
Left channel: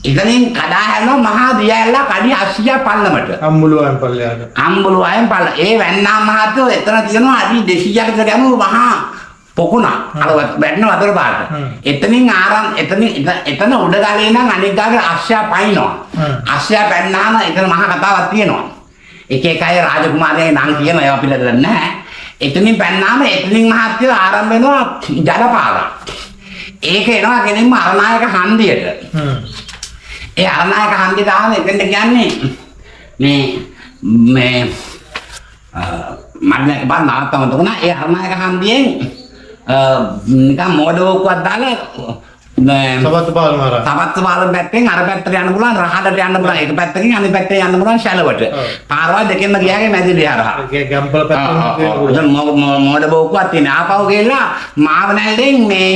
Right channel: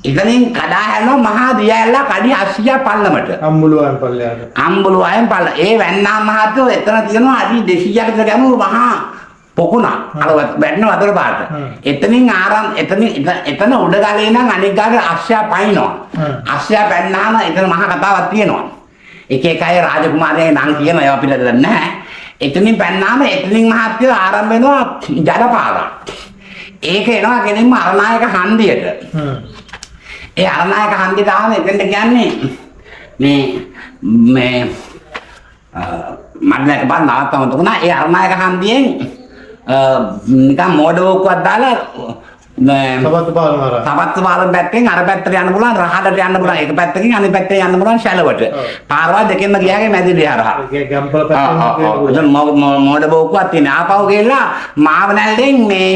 ඉතනින් කඩා හැරෙනවා මහා දියැල්ල කඩි 80 පල්ලමට අම්බුලුවන් පල්ලයට අම්බුලුවන් පල්ල ඒ වැන්නා මහත්වෝ එතන තියෙනවා අඩි 200ක විතර ගැඹුරු මහා පොකුණ අර වැටෙන වතුර පාට එතනින් එතන උඩ ගලේ නම් අනික් ගාගේ 80 පයින්නවා 80 පැන්නාම එතන මහා කතාවක් තියෙනවා එක එක අය රාජකුමාරයන්ගේ නම් කියන ඒවා පිළිදෙන්නේ නැහැ එතනින් පැන්නාම එතනින් මහත්වෝ ආරම්භ වෙනවා ජලපාරක් ඒක එනවා කෙනෙක්ම අරනායක හන්දියට ඒ අරනායක හන්දි දාන එතෙන්ට කියන්නේ මේ මම එකපාර නවත්තම තුනා ඒ අරනායක හන්දියෙන් නිකන් මෝඩවකුවක් දාලා සබත් පාලම හරහා. සපත්තු පාලම පැත්තෙන් අර පැත්තට යන්න පුළුවන් රහඩට යන්න පුළුවන් එක පැත්තකින් අනිත් පැත්තේ යන්න පුළුවන් ශැලවට. පාරවල් දෙකෙන්ම ගියාගේ මැදිරිය හරහා. ඒ ගම්පල පැත්තෙන් එතන මොඩ බෝකුවක් තියෙන. ආපහු ගිහලා මාවනැල්ලෙන් මේ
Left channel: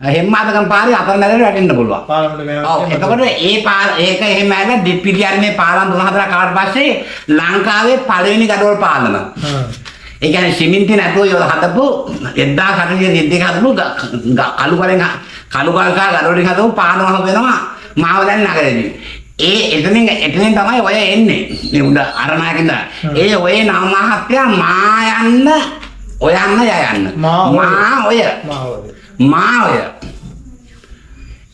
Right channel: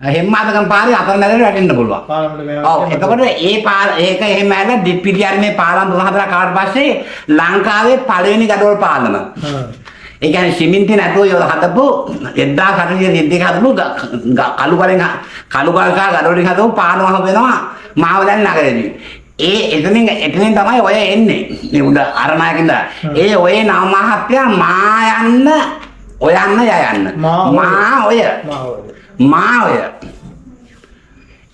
හෙම්මාදකම් පාරේ අතර නැදට වැටෙන්න පුළුවන්. පාලමට වෙනවා. ඔව් එතකොට ඒක එහෙම ඇවිල්ලා දිප්පිටියන්නේ පාලම් 3-4 කාට පස්සේ ලංකාවේ පළවෙනි ගඩොල් පාලම. ඒ කියන්නේ සිමෙන්ති නැතුව යොද හදපු 1832 හදපු කළු ගල් සහ ගඩොලින් හදපු පාලම වෙනවා මාවදැල් නගරේදී. එතනින් තමයි ඔය එන්නේ. මේ උඩ අරණයකින්ද. ඒ ඔය නව මහත්තයා ඔය යන්න. මාවය.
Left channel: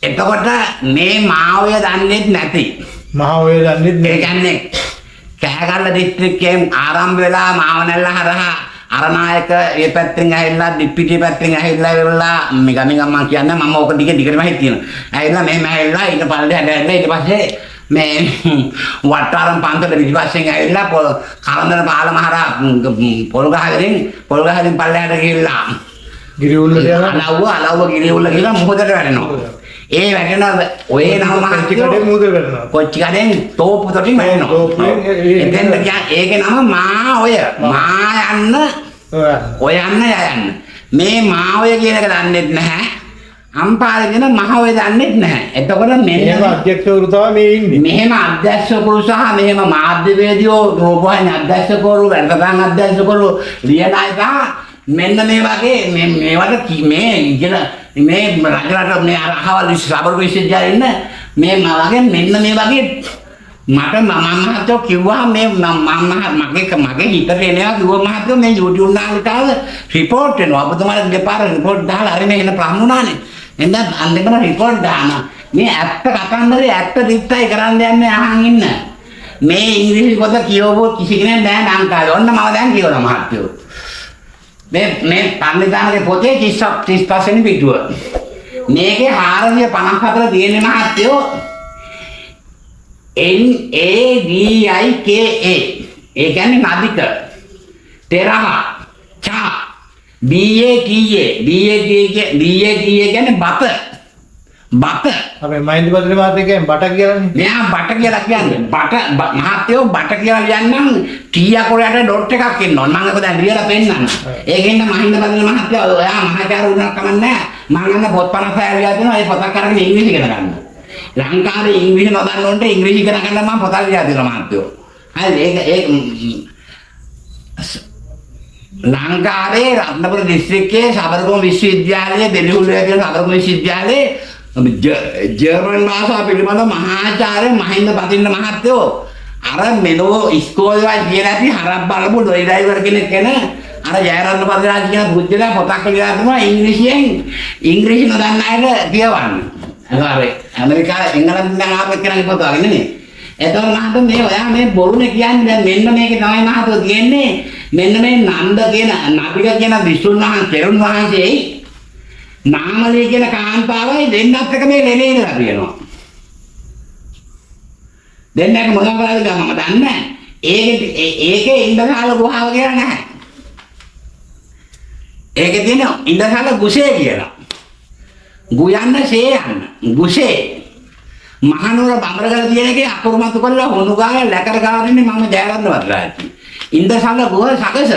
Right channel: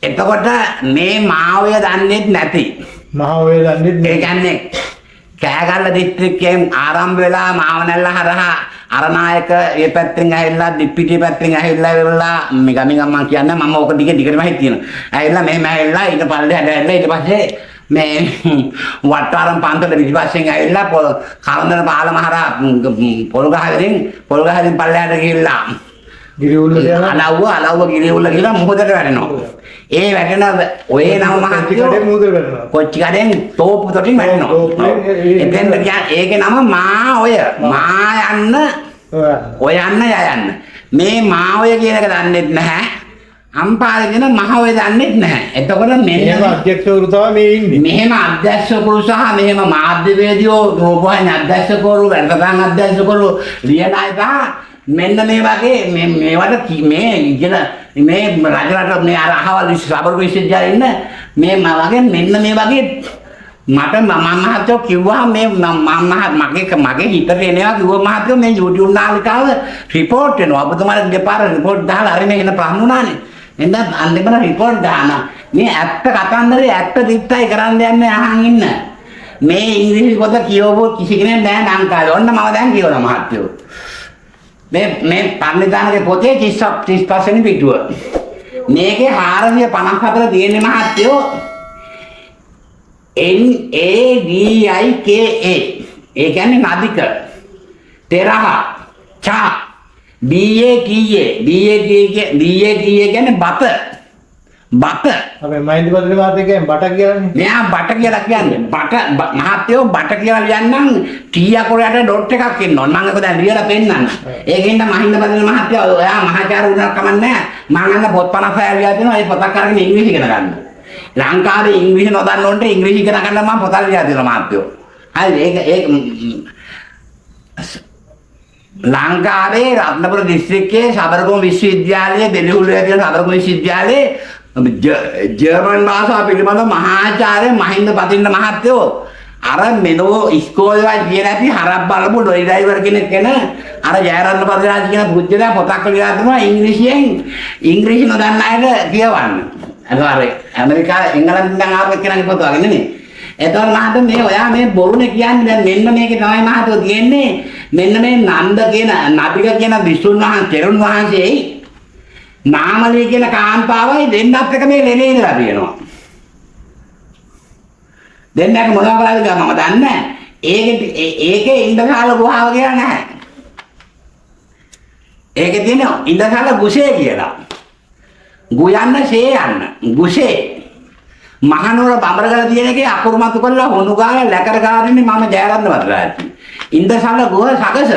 එතකොට මේ මාවය දන්නේ නැති. මාවය දන්නේ ඒ කියන්නේ කෑගල්ල දිස්ත්‍රික්කයෙන් ආරම්භ වෙලා මාවනැල්ල හරහා අරනායක ඒ පැත්තෙන් ඇවිල්ලා දිප්පිටිය පැත්තෙන් ඇවිල්ලා ගමින් මම කියන්නේ මම ඕක දිගටම හිටිනවා. ඇවිල්ලා මෙහෙම ඇවිල්ලා ඊට පල්ලේ ඇවිල්ලා ඊට පස්සේ මේ වට්ටාරම් පන්සල පිටිපස්සෙන් ඇවිල්ලා කලන්දර පාලම හරහා පොල්ගහරින් පල්ලෙහාට ගිහිල්ලා ගිරිඋල්ල යනවා. අලව්ව ගිරිඋල්ල කියලා මොහොතට වැටෙනවා. ඒ වැටෙන ඔය නම මහත්තයෝ මුහුදට වැටෙනවා. කොච්චිකඩෙන් තෝපු තොටින් වැටෙනවා. එතෙන් ඒකේ නම මාඔය. ඔයන්න යයන්න. මේ මාඔය කියන එක දන්නෙත් නැහැ. අම්පාර කියන මහඔය දන්නෙත් නැහැ. එතකොට මෙහෙම අධ්‍යක්ෂවරු තමයි මේ ඉන්නේ. මෙහෙම අධ්‍යක්ෂකවරු සහ මෙහෙම මාධ්‍යවේදියෝ රූපවාහිනී අධ්‍යක්ෂකවරු වැඩසටහන් අධ්‍යක්ෂකවරු ලියන අය මෙන්න මේ වගේ මේවට මේ රජරට මේ අහවල් සබරු විශ්වවිද්‍යාලේ ඉන්න මේ වගේ මෙන්න මේ වගේ මට මහත්තයෝ කිව්වා මේ මගේ හිතට එනවා කිව්වා මහත්තයෝ මේ YouTube නාලිකාව රිපෝට් වෙනවා ඔබතුමාලා දෙපාර රිපෝට් දාලා අරිනේ එන ප්‍රශ්න උනානේ එන්න අන්තිමට රිපෝට් දානවා මේ ඇත්ත කතන්දරේ ඇත්ත දිත්තයි කරන්න යන්නේ අහන් ඉන්න මේ ඉංග්‍රීසි පොත කියවපු කිසි කෙනෙක් නැහැ ලංකාවේ ඔන්න මම දැන් කියවනවා මහත්තයෝ මේ පන්නිදානගේ පොතේ 35 වෙනි පිටුව. මේකේ 454 තියෙන මහත්තයෝ NADIKA. ඒ කියන්නේ නදික. තෙරහ. චා. BATA කියන්නේ බත. අපි මහින්ද බද්දේ මාතේ කියන්නේ බට කියලානේ. මෙයා බට කියලා කියන්නේ. මහත්තයෝ බට කියලා ලියන්නම් ටී අකුරයට ඩොට් එකක් ඉන්නවා. මම ඒක දැන් ලියලා පෙන්නන්න. ඒකෙන්ද මහින්ද බද්දේ මහත්තයෝ ඔයා මහාචාර්ය වුණා කමන්නේ නැහැ. මම අන්න පොත් 56 ලියලා දෙනවා. ඒ පොතක් අරගෙන ඉංග්‍රීසි ඉගෙන ගන්න. ලංකාවේ ඉංග්‍රීසි නොදන්න උන්ට ඉංග්‍රීසි ඉගෙන ගන්න මම පොතක් ලියලා දෙනවා මහත්තයෝ. හරි ඒක ලංකාවේ රත්නපුර දිස්ත්‍රික්කයේ සබරගම විශ්වවිද්‍යාලයේ දෙලිහුල්ලේ තියෙන සබරගම විශ්වවිද්‍යාලයේ ජර්මන් භාෂාව පිළිබඳ මහාචාර්ය මහින්ද පතින්න මහත්තයෝ අර මෙනෝ ඉස්කෝලේ වල කියන ඇති හරක් බලපු ඩොයි ඩ්‍රයිවර් කෙනෙක් කෙන අර ජයරත්න පතිරාජ කියන පුජ්‍යලා පොතක් ලියලා දෙනවා ඉංග්‍රීසි නොදන්න අයට කියවන්න. අර ඇමරිකාවේ එංගලන්තෙන් දැන් ආපු කෙනාගේ පොත වගේ නෙමෙයි. එතකොට මහත්තයෝ මේ ඔයා මේ බොරුනේ කියන්නේ දැන් මෙන්න මේකේ තමයි මහත්තයෝ කියන්නේ මෙන්න මේ නන්ද කියන නදික කියන විසුණු වහන්සේ තෙරුන් වහන්සේයි නාමලී කියන කාන්තාවයි දෙන්නත් එක මේ ලෙනේ ඉඳලා තියෙනවා. දෙන්නක මොනවා කරාද කියලා මම දන්නේ නැහැ. ඒකේ ඉන්දකාල ගුහාව කියලා නැහැ. ඒකේ තියෙන ඉන්දකාල ගුසේ කියලා. ගුයන්න ෂේ යන්න. ගුසේ. මහනුවර බඹරගල තියෙන එකේ අකුරු මතු කරලා හොනු ගාලා ලැකර ගාරින්නේ මම ජයරත්න වද්දරාජි. ඉන්දකාල ගුහ සකස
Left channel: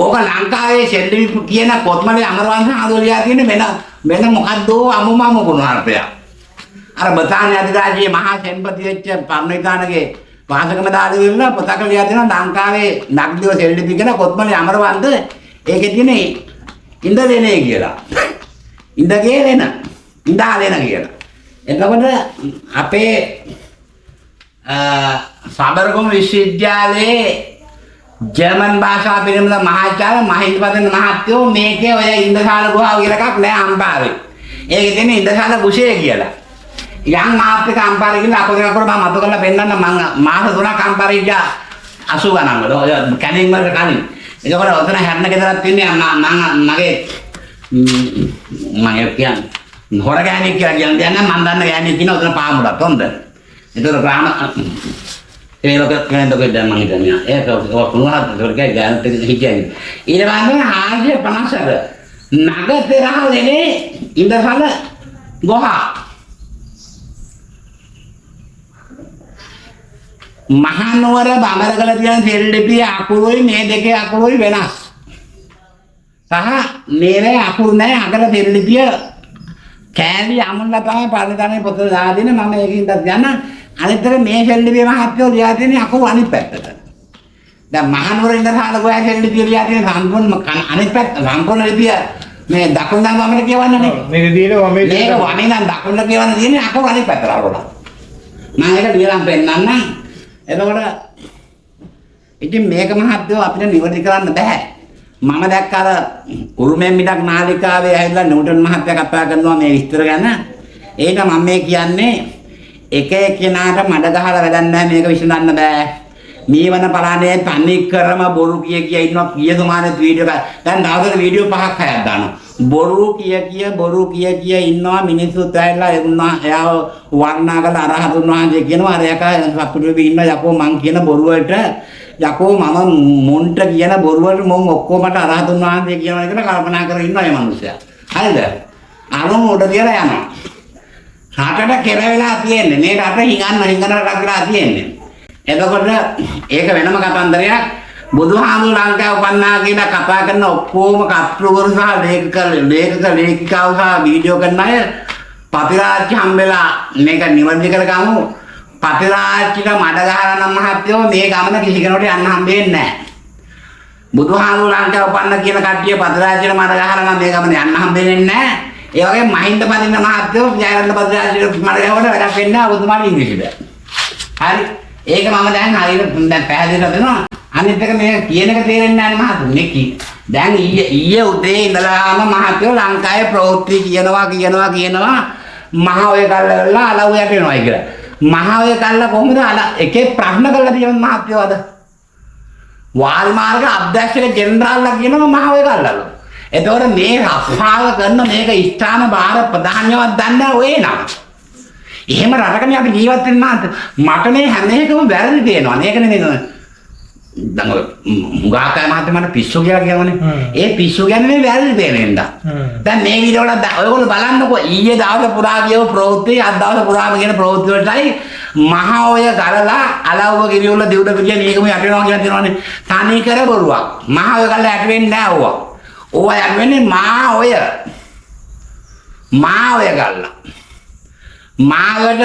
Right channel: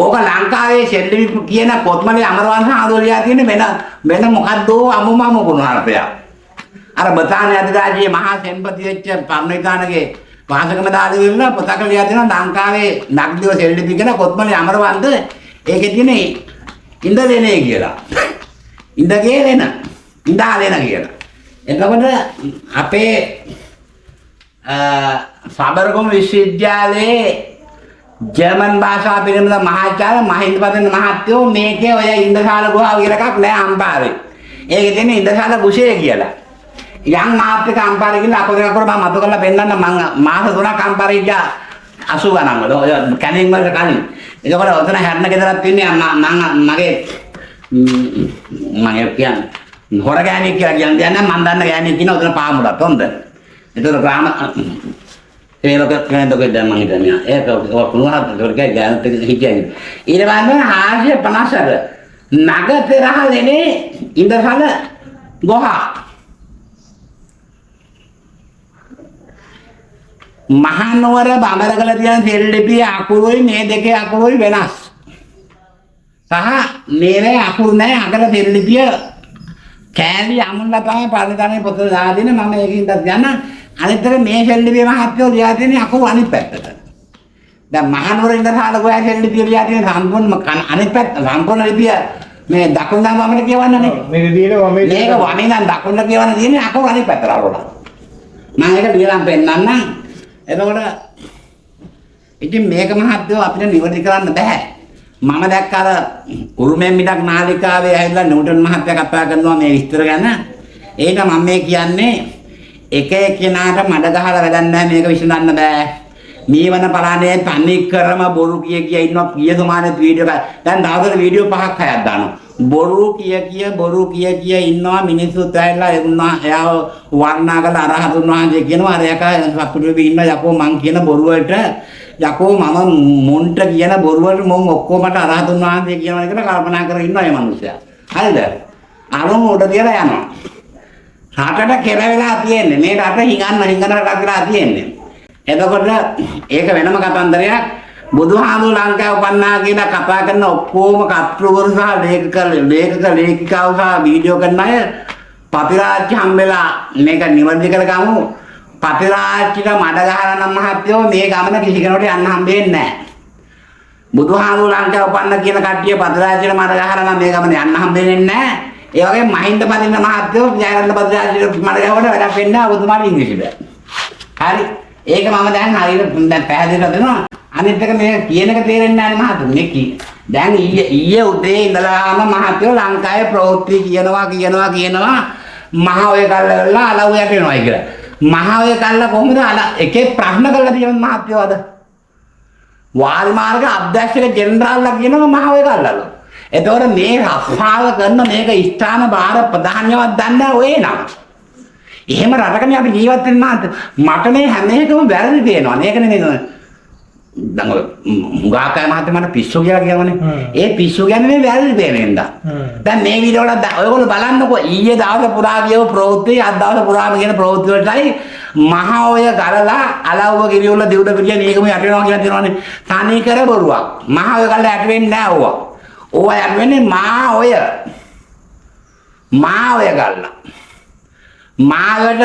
ඕක ලංකාවේ සෙල්ලි කියන කොත්මලේ අමරවංශ ආදෝලියා තියෙන වෙන මොකද්ද අමුමම ගුණාර්ථයක්. අර බතාන අධිරාජ්‍යයේ මහා සෙන්පති වෙච්ච පර්ණවිතානගේ වාසකම දාලා ඉන්න පොතක ලියලා තියෙනවා ලංකාවේ නග්දිව සෙල්ලි කියන කොත්මලේ අමරවංශ ඒකේ තියෙන ඉන්දලෙනේ කියලා. ඉන්දගේලෙන ඉන්දාලෙන කියලා. එතකොට අපේ සබරගම විශ්වවිද්‍යාලයේ ජර්මන් භාෂාව පිළිබඳ මහාචාර්ය මහින්ද පතින්න මහත්තයෝ මේකේ ඔය ඉන්දකාල ගුහාව කියලා එකක් නෑ අම්පාරේ. ඒකේ තියෙන ඉන්දකාල ගුෂේ කියලා. යම් මාත්‍රික අම්පාරේ කියලා අපේ කර මම මතු කරලා පෙන්නන්න මම මාස 3ක් අම්පාරේ ගියා 80 ගණන් වල ඔය කැනින් වලට කලින්. ඒකවල ඔතන හැරණ ගෙදරක් තින්නේ මගේ කියන්නේ හොර ගෑණියෙක් කියලා කියන්නේ මම දන්න ගෑණියෙක් ඉන්නවා ඔතන පාමුලක් හොඳ. ඒතර ග්‍රාම ඒ ලෝක කෙනෙක් දැන් මම හිතන්නේ ඒක පුණාත් ඒකට ගෑනට හිටියයි. ඊට පස්සේ 450ක නගතරහලනේ ඉඳසල ගොහ මහනුවර බඹරකල තියෙන සෙල්ලිපියේ අකුරුයි මේ දෙකේ අකුරුයි වෙනස්. සහ මේවේ අකුරු නැහැ අගල සෙල්ලිපිය කෑලි අමුල්ලා තමයි පරිදානේ පොත දාලා දෙන්නේ මම ඒකින්ද යන අනිත් එක මේ සෙල්ලිපියේ මහත්යෝ ලියා තියෙන අකුරු අනිත් පැත්තට. දැන් මහනුවර ඉඳලා ගෝයා සෙල්ලිපිය ලියා තියෙන සම්පූර්ණ අනිත් පැත්ත සම්පූර්ණ ලිපිය මේ දකුණු දන් වමට කියවන්නේ නේ. මේක දිනනවා මේ මේක වමෙන් නම් දකුණට කියවන්න තියෙන්නේ අකුරු අනිත් පැත්තට අරවලා. මම ඒක ලියලා පෙන්නන්නම්. එතකොට ඉතින් මේක මහත්යෝ අපිට නිවැරදි කරන්න බෑ. මම දැක්ක අර උරුමෙන් මිඩක් නාලිකාවේ ඇවිල්ලා නිව්ටන් මහත්තයා කතා කරනවා මේ විස්තර ගැන. ඒක මම මේ කියන්නේ එක එක්කෙනාට මඩ ගහලා වැඩක් නැහැ මේක විසඳන්න බෑ. මීවන පලානේ තනි කරම බොරු කිය ඉන්නවා පියසමානේ වීඩියෝ එක. දැන් දවසට වීඩියෝ 5ක් 6ක් දානවා. බොරු කිය ඉන්නවා මිනිස්සුත් ඇවිල්ලා එයාව වර්ණනා කරලා අරහතුන් වහන්සේ කියනවා අර යකා සතුටුවේ ඉන්න යකෝ මං කියන බොරු වලට යකෝ මම මොන්ට කියන බොරු වලට මොන් ඔක්කොමට අරහතුන් වහන්සේ කියනවා කියලා කල්පනා කරගෙන ඉන්නවා මේ මිනිස්සයා. හරිද? අරම උඩ තියලා යනවා. රටට කෙරවෙලා තියෙන්නේ. මේ රට හිඟන්න රටක් වෙලා තියෙන්නේ. එතකොට ඒක වෙනම කතන්දරයක්. බුදුහාමුදුරු ලංකාව උපන්නා කියලා කතා කරන ඔක්කොම කර්තෘවරු සහ ලේඛිකාවෝ සහ වීඩියෝ කරන අය පතිරාජ්‍ය හම්බෙලා මේක නිවැරදි කරගමු. පතිරාජ්‍යට මඩ ගහලා නම් මහත්යෝ මේ ගමන කිසි කෙනෙකුට යන්න හම්බෙන්නේ නැහැ. බුදුහාමුදුරු ලංකාව උපන්න කියන කට්ටිය පතිරාජ්‍යට මඩ ගහලා නම් මේ ගමන යන්න හම්බෙන්නේ නැහැ. ඒ වගේ මහින්ද පදින්න මහත්යෝ ජයරත්න පතිරාජ්‍යට මඩ ගහවට වැඩක් වෙන්නේ නැහැ ඔබතුමාට ඉංග්‍රීසියට. හරි. ඒක මම දැන් හරියට දැන් පැහැදිලිව දෙනවා. අනිත් එක මේ කියන එක තේරෙන්නේ නැහැ මහතුනේ. දැන් ඊයේ උදේ ඉඳලාම මහත්යෝ ලංකාවේ ප්‍රවෘත්ති කියනවා මහ ඔය කල්ලා අලව් යට වෙනවායි කියලා. මහ ඔය කල්ලා කොහොමද එකේ ප්‍රශ්න කරලා තියෙන මහත්යෝ අද වාල් මාර්ග අධ්‍යක්ෂක ජෙනරාල්ලා කියනවා මහ ඔය කල්ලාලු. එතකොට මේ රස්සාව කරන මේක ස්ථාන භාර ප්‍රධානියවත් දන්නේ ඔය නම. එහෙම රටකනේ අපි ජීවත් වෙන්න මට මේ හැම එකම වැරදි පේනවා. මේකනේ මේක. දැන් ඔය මුගාකයි මහත්තයා මට පිස්සු කියලා කියනවනේ. ඒ පිස්සු කියන්නේ මේ වැරදි පේනෙන්ද. දැන් මේ වීඩියෝ වල ඔයගොල්ලෝ බලන්නකෝ ඊයේ දවස් පුරා කියව ප්‍රවෘත්ති අද දවස් පුරාම කියන ප්‍රවෘත්ති වලටයි මහ ඔය ගලලා අලව්ව ගිරියොල්ල දෙවුඩ පිටිය මේකම යට වෙනවා කියලා තියෙනවනේ. තනි කර බොරුවක්. මහ ඔය ගලලා යට වෙන්නේ නැහැ ඕවා. ඕවා යට වෙන්නේ මා ඔය ගල්ලා. මාවට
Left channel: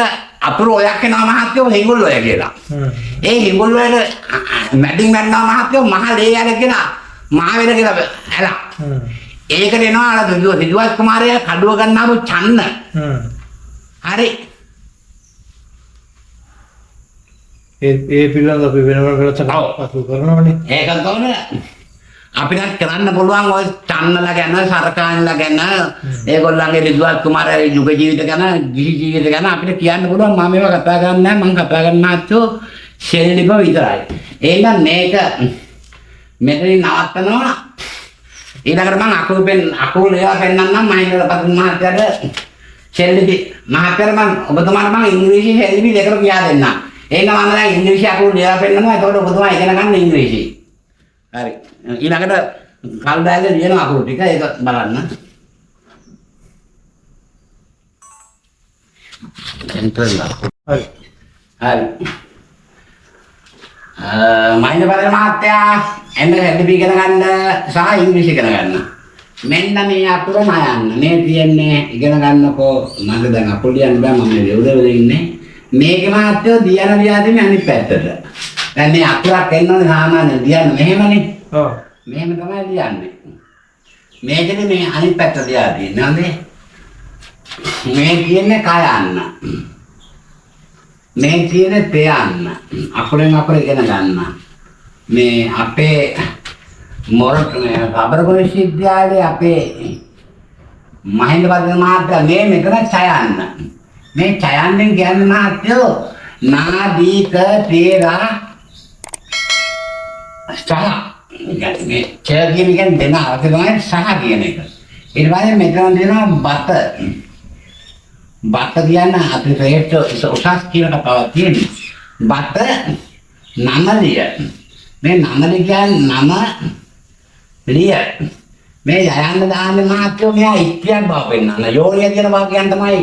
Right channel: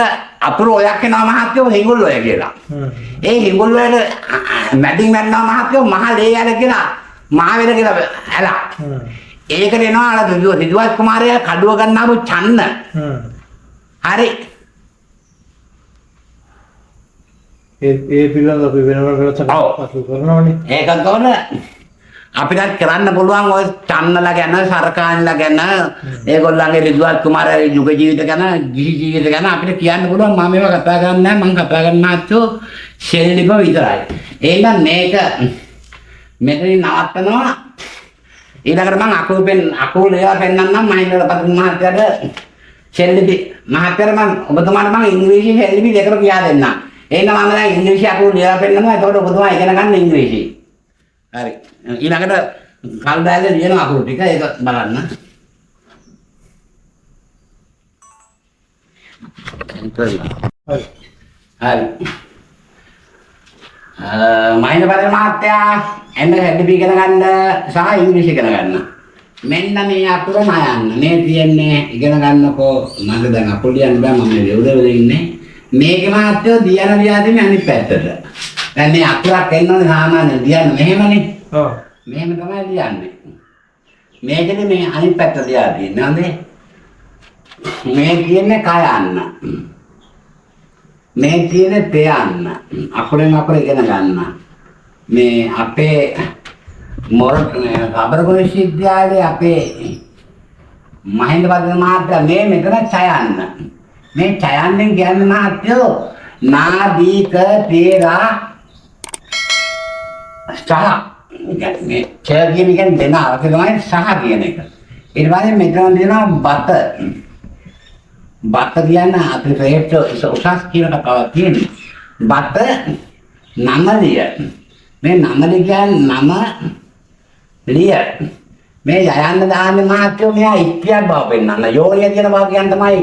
අපර ඔයක් වෙනවා මහත්යෝ හිඟුල් ඔය කියලා. ඒ හිඟුල් වලට මැඩින් මැන්නවා මහත්යෝ මහ ලේ යන කියලා මහ වෙන කියලා ඇලා. ඒකට එනවා අර සිදුවත් කුමාරයා කඩුව ගන්නාම චන්න. හරි. ඒ පිළිබඳව අපි වෙනම පසු කරනවනේ. ඒකත් තෝරන අපිට කරන්න පුළුවන් ඔය චන්නලා ගැන සරකාන්ලා ගැන ඒගොල්ලන්ගේ රිද්වාත් කුමාරගේ යුග ජීවිත ගැන ගිහි ජීවිත ගැන අපිට කියන්න පුළුවන් මම මේවා කතා කරන්නේ නැහැ මම කතා කරන්න ආච්චෝ ශෙල්ලිප විතරයි. එහෙනම් මේක මෙතනින් නවත්තනවා. ඊළඟට මම අකුරු ඒවා පෙන්නන්නම් මහින්දල පතුන් මහත්තයාට ශෙල්ලිපි මහත්තයාට මම ඔබතුමාට මම ඉංග්‍රීසි ශෙල්ලිපි දෙකම කියා දෙන්නම්. එහෙනම් මම දැන් ඉංග්‍රීසි අකුරු ලියලා පෙන්නනවා. එතකොට ඔබතුමා ඉගෙන ගන්න ඉංග්‍රීසි. හරි. ඊළඟට කල්දායක ලියන අකුරු ටික ඒක බලන්න. එන්ටර්ලා. හරි. හරි. මහින්ද පතේ මහත්තයා එන්න හෙඩ්බි ඉගෙන ගන්න සහ ඉංග්‍රීසි ඉගෙන ගන්න. මෙන්න මේ අකුර නයන්න. මේ තියන්නේ ඉගෙන ගන්නකෝ මට දැන් අකුරු ලියන්න බෑ මම දෙව්දෙවල ඉන්නේ. මේකේ මහත්තයෝ ලියා දෙන්නේ අනිත් පැත්තට. දැන් මේ අකුරක් එන්නෝනේ සාමාන්‍යයෙන් ලියන්න මෙහෙමනේ. ඔව්. මෙහෙම තමයි ලියන්නේ. මේකනේ මේ අනිත් පැත්ත ලියා දෙන්නේ නේද? මේ කියන්නේ කයන්න. මේ කියන්නේ තයන්න. අකුරෙන් අකුර ඉගෙන ගන්න. මේ අපේ රබරගොඩ විශ්වවිද්‍යාලයේ අපේ මහින්ද පදින මහත්තයා මේ මෙතන ඡයන්න. මේ ඡයන්නෙන් කියන්නේ මහත්තයෝ නාදීක තේරා සහ මේ ඡය කියන එක දෙන අවශ්‍ය තමයි සහ කියන එක. ඊට පස්සේ මෙතන දෙනවා බත. බත කියන්නේ අපි ශ්‍රේෂ්ඨ උසස් කියන කතාවක් තියෙනවා. බත නමලිය. මේ නමලිය කියන්නේ නම ලිය. මේ යයන්න දාන්නේ මහත්තයෝ මෙයා ඉක්තියක් බව පෙන්නන්න. යෝනිය කියන වාක්‍යයන් තමයි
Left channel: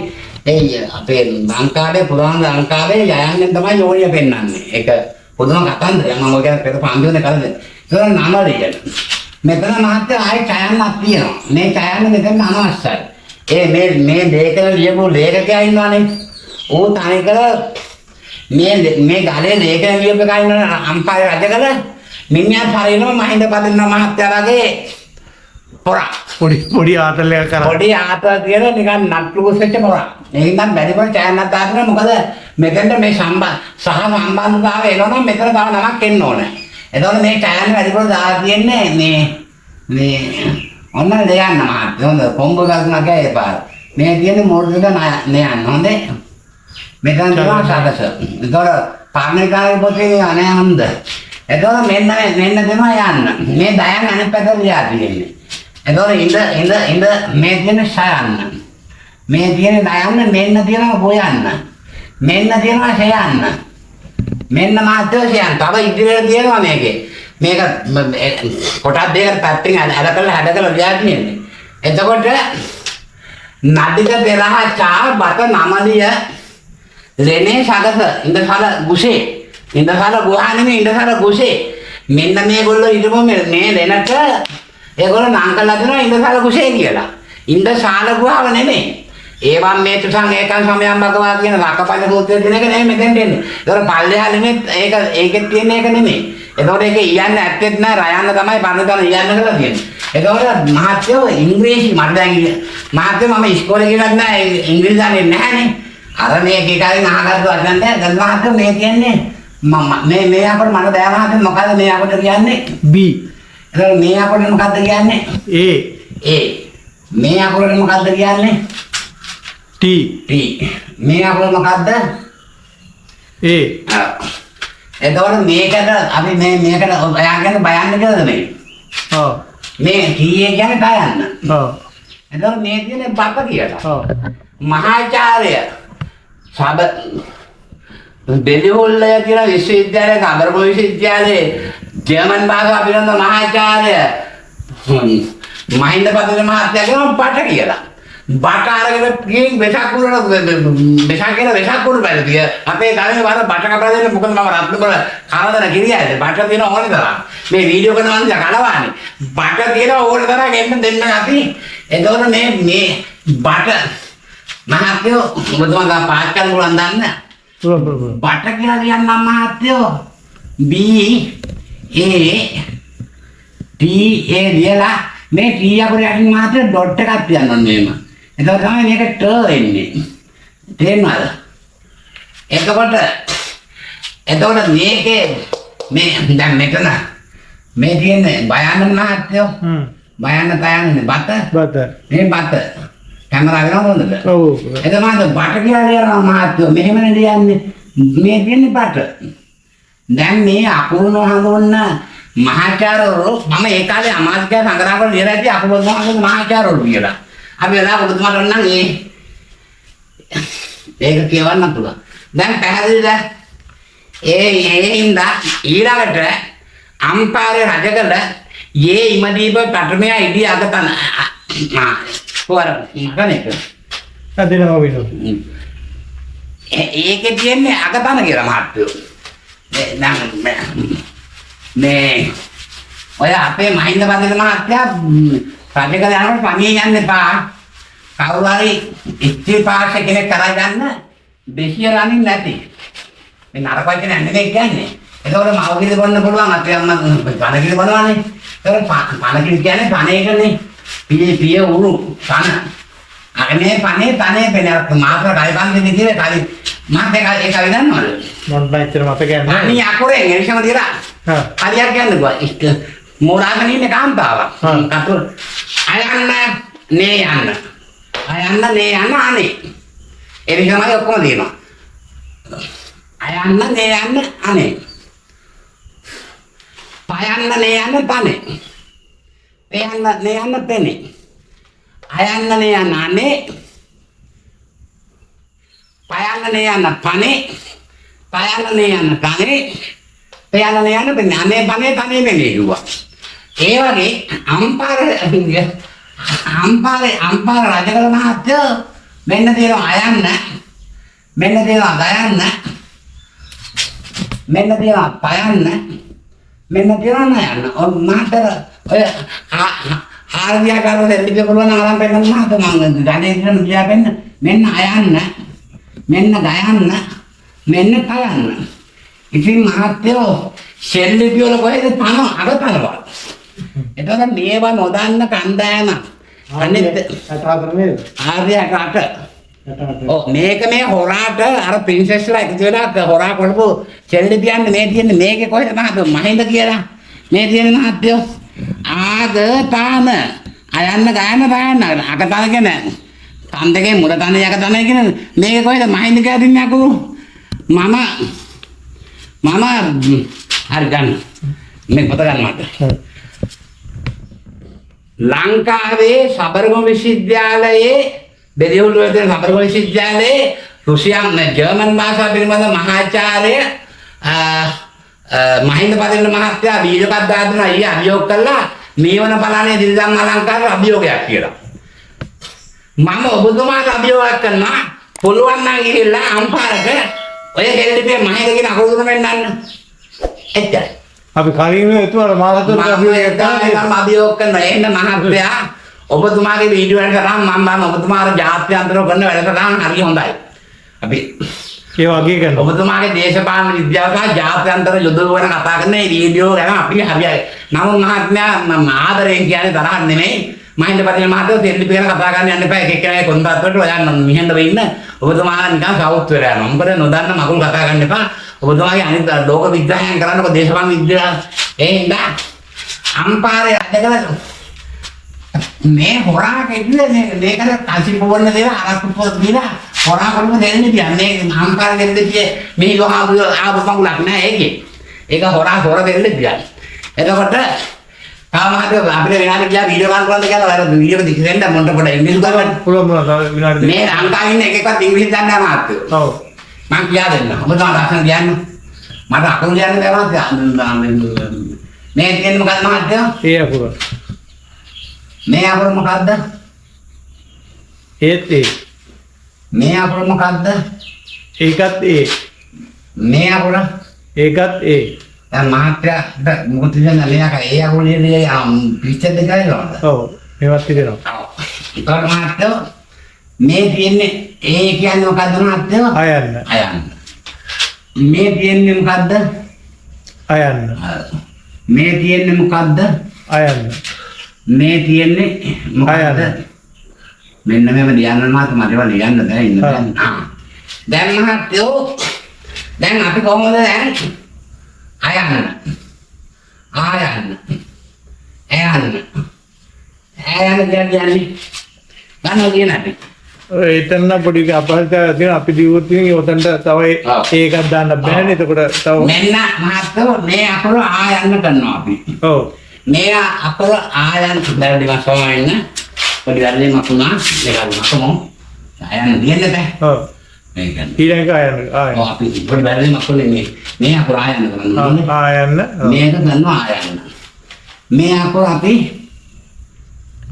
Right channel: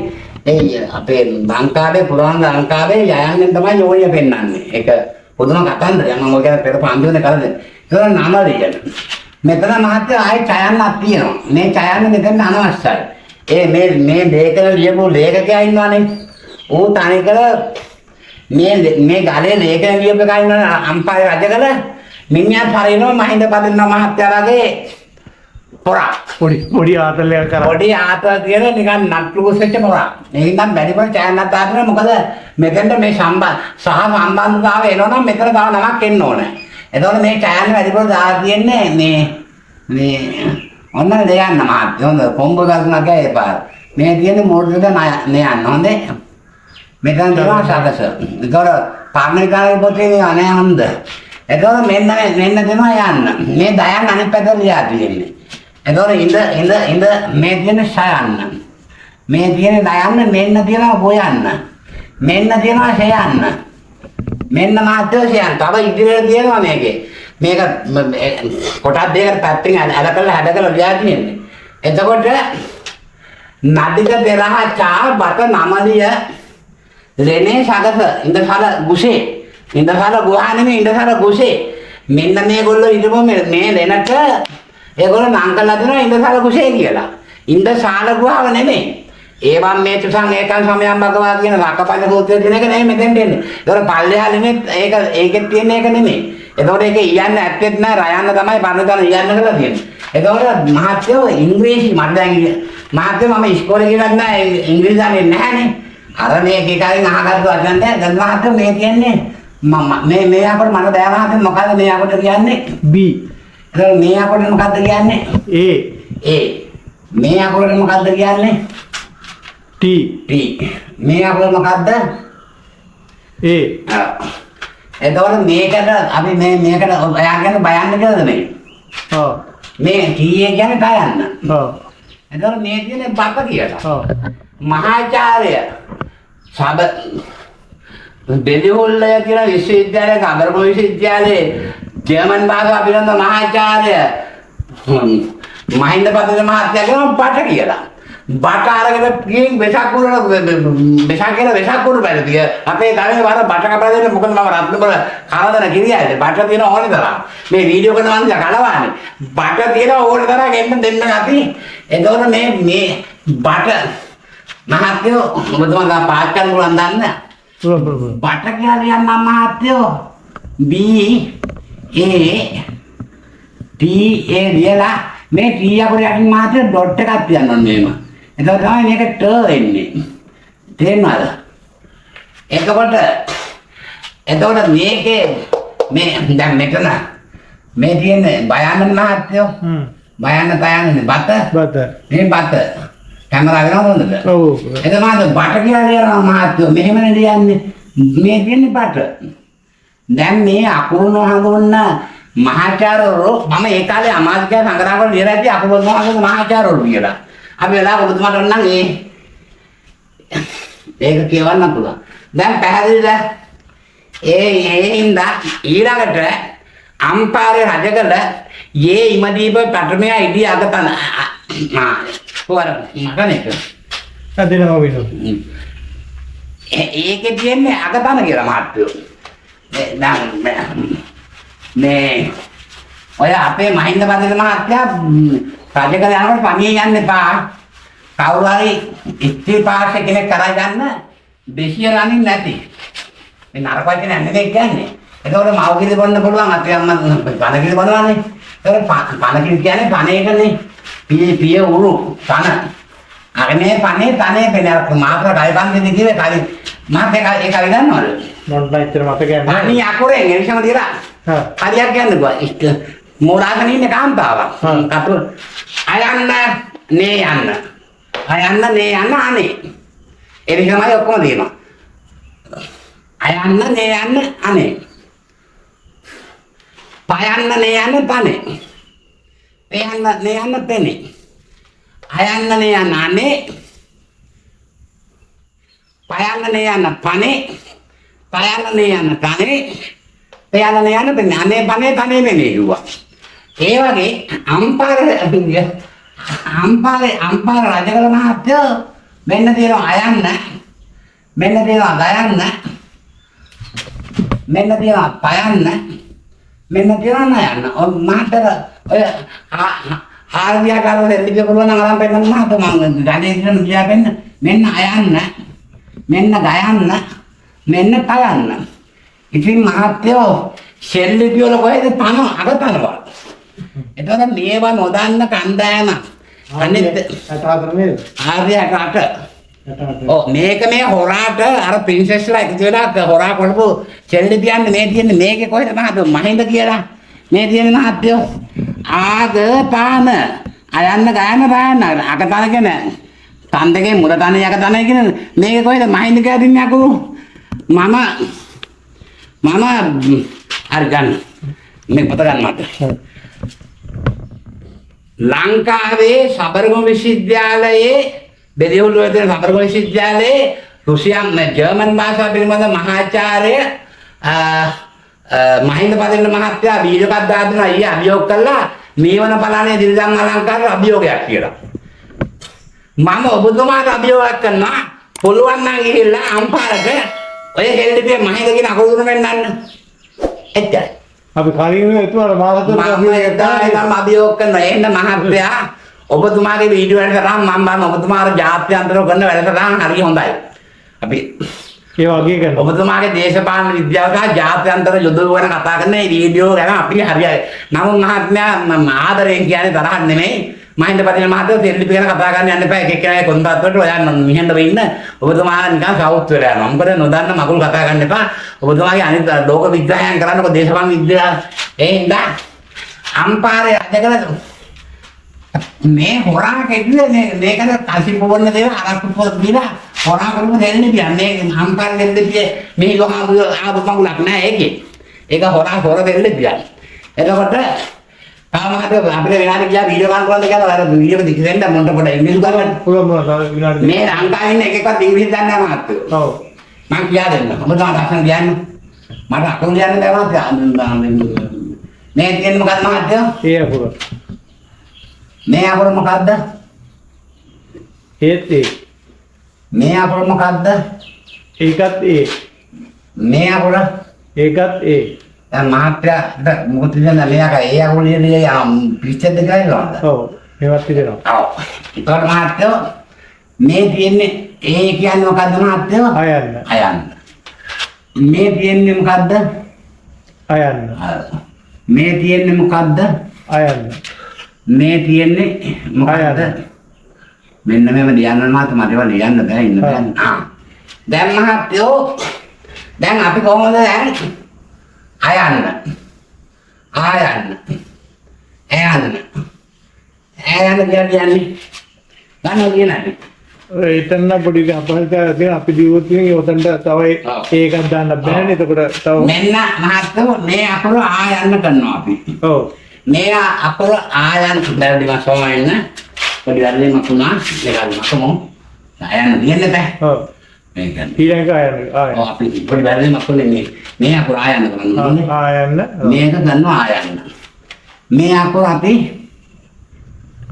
ඒ අපේ ලංකාවේ පුරාණ ලංකාවේ යයන්නෙන් තමයි යෝනිය පෙන්නන්නේ. ඒක පොදුම කතන්දරයක්. මම ඔය ගැන පෙර පාන්දුනේ කරද. ඒක නම ලියන. මෙතන මහත්තයෝ ආයේ ඡයන්නක් තියෙනවා. මේ ඡයන්න මෙතන අනවශ්‍යයි. මේ ලේඛන ලියපු ලේඛකයා ඉන්නවනේ. ඌ තනිකර මේ ගලේ ලේඛන ලියපු එකා ඉන්නවනේ අම්පාරේ රජකල මිනිහා හරිනවා මහින්ද පදින්න මහත්තයාගේ පොරා පොඩි ආතල්ලයක් කරා. පොඩි ආතල් කියන නිකන් නට්ලුස් වෙච්ච පොරා. මේකෙන් නම් බැරිපොර ඡායන්නක් දාන්න මොකද මෙතෙන්ට මේ සම්බන්ධතාවය එනවනම් මෙතන තව නමක් එන්න ඕනේ. එතකොට මේ ඡායන්න බැරිපොර දාලා තියෙන්නේ මේ ඔන්න දෙයන්න මහත්තයෝ හොඳ කොම්බ ගල්ුණා ගෑ පාර. මේ තියෙන්නේ මොඩ්ඩක නයන්න හොඳේ. මෙතන තියෙනවා සාකස. එතකොට පාර්ලිකාවේ පොතේ අනේ හොඳ. එතකොට මෙන්න දෙනවා යන්න. මේ දයන් අනිත් පැත්තට ලියා තියෙන්නේ. එතකොට ඉඳ මේ තියෙන ෂයන්න. මේ තියෙන දයන්න මෙන්න තියෙනවා බොයන්න. මෙන්න තියෙනවා ෂයන්න. මෙන්න මාත්‍යෝ ෂයන්න. තව ඉදිරියට තියෙනවා මේකේ. මේක කොටස් දෙකකට පැත්තෙන් හැඩකලා ලියා තියෙන්නේ. එතකොට නඩික පෙරහ චා බත නමලිය ලෙනේ සගස ඉඳසල ගුසේ ඉඳසල ගුහා නෙමෙයි ඉඳසල ගුසේ මෙන්න මේගොල්ලෝ හිටපො මේ ලෙනට ඒගොල්ලෝ නම් කළා දෙනවා ඉඳසල ගුසේ කියලා. ඉඳසාල ගුහාව නෙමෙයි. ඒවම් මේ තුසන් ඒකන් සමයන් භගවා කියන රකපල සූත්‍රය කියන එක නෙමෙයි මෙතෙන්ට එන්නේ. ඒතකොට පල්ලෙහා නෙමෙයි ඒකෙත් තියෙන එක නෙමෙයි. එතකොට ඒක ඉයන්න ඇත්තෙත් නෑ රයන්න තමයි පරණතන ඉයන්න කියලා තියෙන්නේ. එතකොට මහත්තයෝ ඉංග්‍රීසි මට දැන් මහත්තයෝ මම ඉස්කෝලේ ගිහලා නෑ ඉංග්‍රීසි දන්නේ නැහනේ. අර මේ කේකාරින් අහගත්තු වචන දැන් මහත්තයෝ මේ කියන්නේ මේ අපට මට බෑ මහත්තයෝ මොකද්ද මේ අපට කියන්නේ B. එතකොට මේ අපට මොකද්ද කියන්නේ A. මේ අපට මොකද්ද කියන්නේ T. මේ අපට මොකද්ද A. එතකොට මේකට අපි මේකට ඔයා කියන්නේ බයන්න කියලාද මේ? ඔව්. මේ කීයේ කියන්නේ බයන්න. ඔව්. එතකොට මේ කියන්නේ බක කියලා. ඔව්. මහාචාර්ය සබ දෙලිහොල්ලය කියන විශ්වවිද්‍යාලයේ අගරපොළ විශ්වවිද්‍යාලයේ ජර්මන් භාෂාව පිළිබඳ මහාචාර්ය මහින්ද පදින මහත්තයා කියනවා බට කියලා. බට අරගෙන ගිහින් වෙසක් කුරන වෙසක් කුරු බැලුතිය. අපේ ගමේ වර බට කපලා දෙන්න මොකද මම රත්නපුර කරදර කිරියයිද බට තියෙන ඕනේ තරම්. මේ වීඩියෝ කරන මනුස්සයා කලවානේ. බට තියෙන ඕනේ තරම් එන්න දෙන්න අපි. එතකොට මේ බට මහත්තයෝ ඔබතුමා පාස් කරන්න පුළුවන් දන්න. බට කියලා ලියන්නම් මහත්තයෝ B A T A ලියලා මේ T අකුර යටින් මහත්තයෝ ඩොට් එකක් තියන්න ඕනේ මේම. එතකොට තමයි මේක ට එන්නේ. තේරෙනවද? එතකොට මේකේ මේ දැන් මෙතන මේ තියෙන්නේ බයන්න මහත්තයෝ. බයන්න තයන්නේ බත. මේ බත. කැමරාව වෙනවද හොඳද? ඔව්. එතකොට බට කියලා ලියනවා මහත්තයෝ. මෙහෙමනේ ලියන්නේ. මේ තියෙන්නේ බට. දැන් මේ අකුරු නොහඳුන්න මහාචාර්යවරු මම ඒ කාලේ අමාත්‍ය සංග්‍රහ කරලා ලියලා ඉතින් අකුරු නොහඳුන්න මහාචාර්යවරු කියලා. අපි වෙලා ඔබතුමාට නම් ඒක කියවන්න පුළුවන්. දැන් පැහැදිලිද? ඉඳ ඊළඟට අම්පාරේ රජකල යේ ඉමදීප පටමයා ඉදී අගතන පොර මකනේක අදිනවා වෙනවා. ඒකේ තියන්නේ අගතන කියලා මහත්තයෝ. මේ ඔය අපේ මහින්ද බඳින මහත්තයා රජකල යනකොට පණියේ යන්න එපා. කවුරු හරි ඉස්ත්‍රි පාර්ශ්ව කෙනෙක් කරා ගන්න දෙසිය රනින් නැති. මේ නරක වචන නෙමෙයි කියන්නේ. ඒකවල මව්කිරි බොන්න පුළුවන් අපේ අම්මා පණකිරි බොනවානේ. ඒක පණකිරි කියන්නේ පණේකනේ. පිය උරු පණ. අනේ පණේ තනේ පෙනක් මාත්‍ර කයිපන්දි කිව්වේ කලින් මාත් ඒක විදන්නවලු. මොන්ට ඇත්තට මතකයක් නැහැ. අනේ අකුරෙන් එනිසම දිලා. හරියක් කියන්නකෝ. මෝරාගෙන ඉන්න කාන්තාවක්. කතුර අයන්න නේ යන්න. අයන්න නේ යන්න අනේ. එනිසමයි ඔක්කොම දෙනවා. අයන්න නේ යන්න අනේ. පයන්න නේ යන්න පනේ. පයන්න නේ යන්න පනේ. අයන්න නේ යන්න අනේ. පයන්න නේ යන්න පනේ. පයන්න නේ යන්න තනේ. පයන්න නේ යන්න පනේ. අනේ පනේ තනේ නෙමෙයි කිව්වා. ඒ වගේ අම්පාර රජකල මහත්තයෝ මෙන්න තියෙනවා අයන්න, මෙන්න තියෙනවා ගයන්න, මෙන්න තියෙනවා පයන්න, මෙන්න තියෙනවා නයන්න. ඔය මහත්තර ඔය ආර්යකාර දෙල්ලිය පුළුවන් නම් අරන් පෙන්නන්න මහත්තයා මම ගණේ කියන කියා පෙන්න. මෙන්න අයන්න, මෙන්න ගයන්න, මෙන්න පයන්න. ඉතින් මහත්තයෝ ශෙල්ලිපි වල කොහෙද තන අගතනවා. එතකොට මේවා නොදන්න කණ්ඩායම අනිත් ආර්යකාට ඔව් මේක මේ හොරාට අර ප්‍රින්සෙස්ලා එකතු වෙලා හොරා කරපු ශෙල්ලිපියන් මේ තියෙන්නේ මේකේ කොහෙද මහත්තයෝ මහින්ද කියලා මේ තියෙන මහත්තයෝ ආග තාන අයන්න ගයන්න බයන්න අගතන කියන තන් දෙකේ මුල තන යක තන කියන මේකේ කොහෙද මහින්ද කියලා දින්නේ අකුරු මම හරි ගන්න මේ පොත ගන්න මට ලංකාවේ සබරගම විශ්වවිද්‍යාලයේ බෙදෙවුලුව තියෙන සබරගම විශ්වවිද්‍යාලයේ රුසියානු ජර්මන් භාෂාව පිළිබඳ මහාචාර්ය මහින්ද පදින්න මහත්තයා වීඩියෝ එකක් දාලා ඊයේ අභියෝග කළා මේවන බලන්නේ දිල්දම් අලංකාර අභියෝගයක් කියලා. මම ඔබතුමාට අභියෝගයක් කරනවා පුළුවන් නම් ගිහිල්ලා අම්පාරට ඔය හෙල්ලිපිය මහින්ද කියන අකුරු තුන පෙන්නන්න. එච්චරයි. අපි කලින් එතුමාට මාසතුර මම අභියෝග කරනවා එන්න මහත්තයා ඔබතුමාගේ වීඩියෝ එකට තරම් මම ඔබතුමාට ජාත්‍යන්තරව කරන වැඩසටහන හරි හොඳයි. අපි ඒ වගේ කරනවා. ඔබතුමාගේ දේශපාලන විද්‍යාව සහ ජාත්‍යන්තර යුද ගැන කතා කරන මේ වීඩියෝ ගැන අපි හරියයි. නමුත් මහත්මයා මම ආදරයෙන් කියන්නේ තරහක් නෙමෙයි. මහින්ද පදින මහත්තයෝ දෙල්ලිපි ගැන කතා කරන්න යන්න එපා. එක එක්කෙනාගේ කොන්දත්වට ඔයා මිහෙන්න වෙන්න. ඔබතුමා නිකන් සවුත් වෙලා යනවා. මොකද නොදන්න මගුල් කතා කරන්න එපා. ඔබතුමාගේ අනිත් ලෝක විග්‍රහයන් කරන්නකො දේශපාලන විද්‍යාව. ඒ හින්දා අම්පාරේ අධකල මේ හොරා කෙටුවේ මේකට කල්සි පොවන්න දේවා අරක්කු පොත් දීලා හොරා කරමු දෙන්නේ කියන්නේ අම්පාරේ දෙන්නේ මේ ආපු මගුලක් නෑ ඒකේ. ඒක හොරා දෙන්නේ කියන්නේ. එතකොට තාමහට අපිට විනාඩි ගියා වීඩියෝ ගන්න පුළුවන්ද කියලා අර වීඩියෝ එක දෙන්න මොන්ට පොඩ ඉංග්‍රීසි ගන්න පුළුවන් විනාඩි මේ ලංකාවේ ඉන්න එකෙක්වත් ඉංග්‍රීසි දන්නේ නැහැ මහත්තයෝ. ඔව් මං කියා දෙන්න. ඔබ තමයි ලස්සන කියන්නේ. මට අකුරු ලියන්න බැහැ මහත්තයා. මේ කියන්නේ මොකක්ද මහත්තයෝ? ඒ අකුර. මේ අකුර මොකක්ද? ඒත් ඒ. මේ අකුර මොකක්ද? ඒකත් ඒ. මේ අකුර ඒකත් ඒ. දැන් මහත්තයාට මොකද කියන්නේ මෙයාක ඒ අකුරු ලියලා පිච්චෙද්ද කියලා. ඔව් මේවත් තිබෙනවා. ඔව්. ඒකට මහත්තයෝ මේ තියෙන්නේ ඒ කියන්නේ මොකද්ද මහත්තයෝ? අයන්න. අයන්න. මේ තියෙන්නේ මොකද්ද? අයන්න. මේ තියෙන්නේ මොකද්ද? අයන්න. මේ තියෙන්නේ මොකද්ද? මෙන්න මේව ලියන්න මහත්තයා මට ඒවා ලියන්න බෑ ඉන්න දැන්. දැන් මහත්තයෝ දැන් අපි කොහොමද දැන් අයන්න. කියන්නේ ගන්න කියන්නේ. එතන පොඩි අපහසුතාවයක් තියෙනවා අපි දිවුවොත් ඉතින් ඔතනට තව ඒකක් දාන්න බෑනේ එතකොට තව මෙන්න මහත්තයෝ මේ අකුර ආයන්න කරනවා අපි. ඔව් මේ අකුර ආයන්න බැරි මාසෝම ඉන්න පොඩි වැරදි මතුණා මේක මතමු ආයන්න දෙන්න බෑ. ඔව් මේක ඊළඟ ආයන්න ඔව් අපි පොඩි වැරදි මතුනේ මේ අකුර ආයන්න කරනවා. ආයන්න මේක කරනවා ආයන්න. මේ අකුර අපි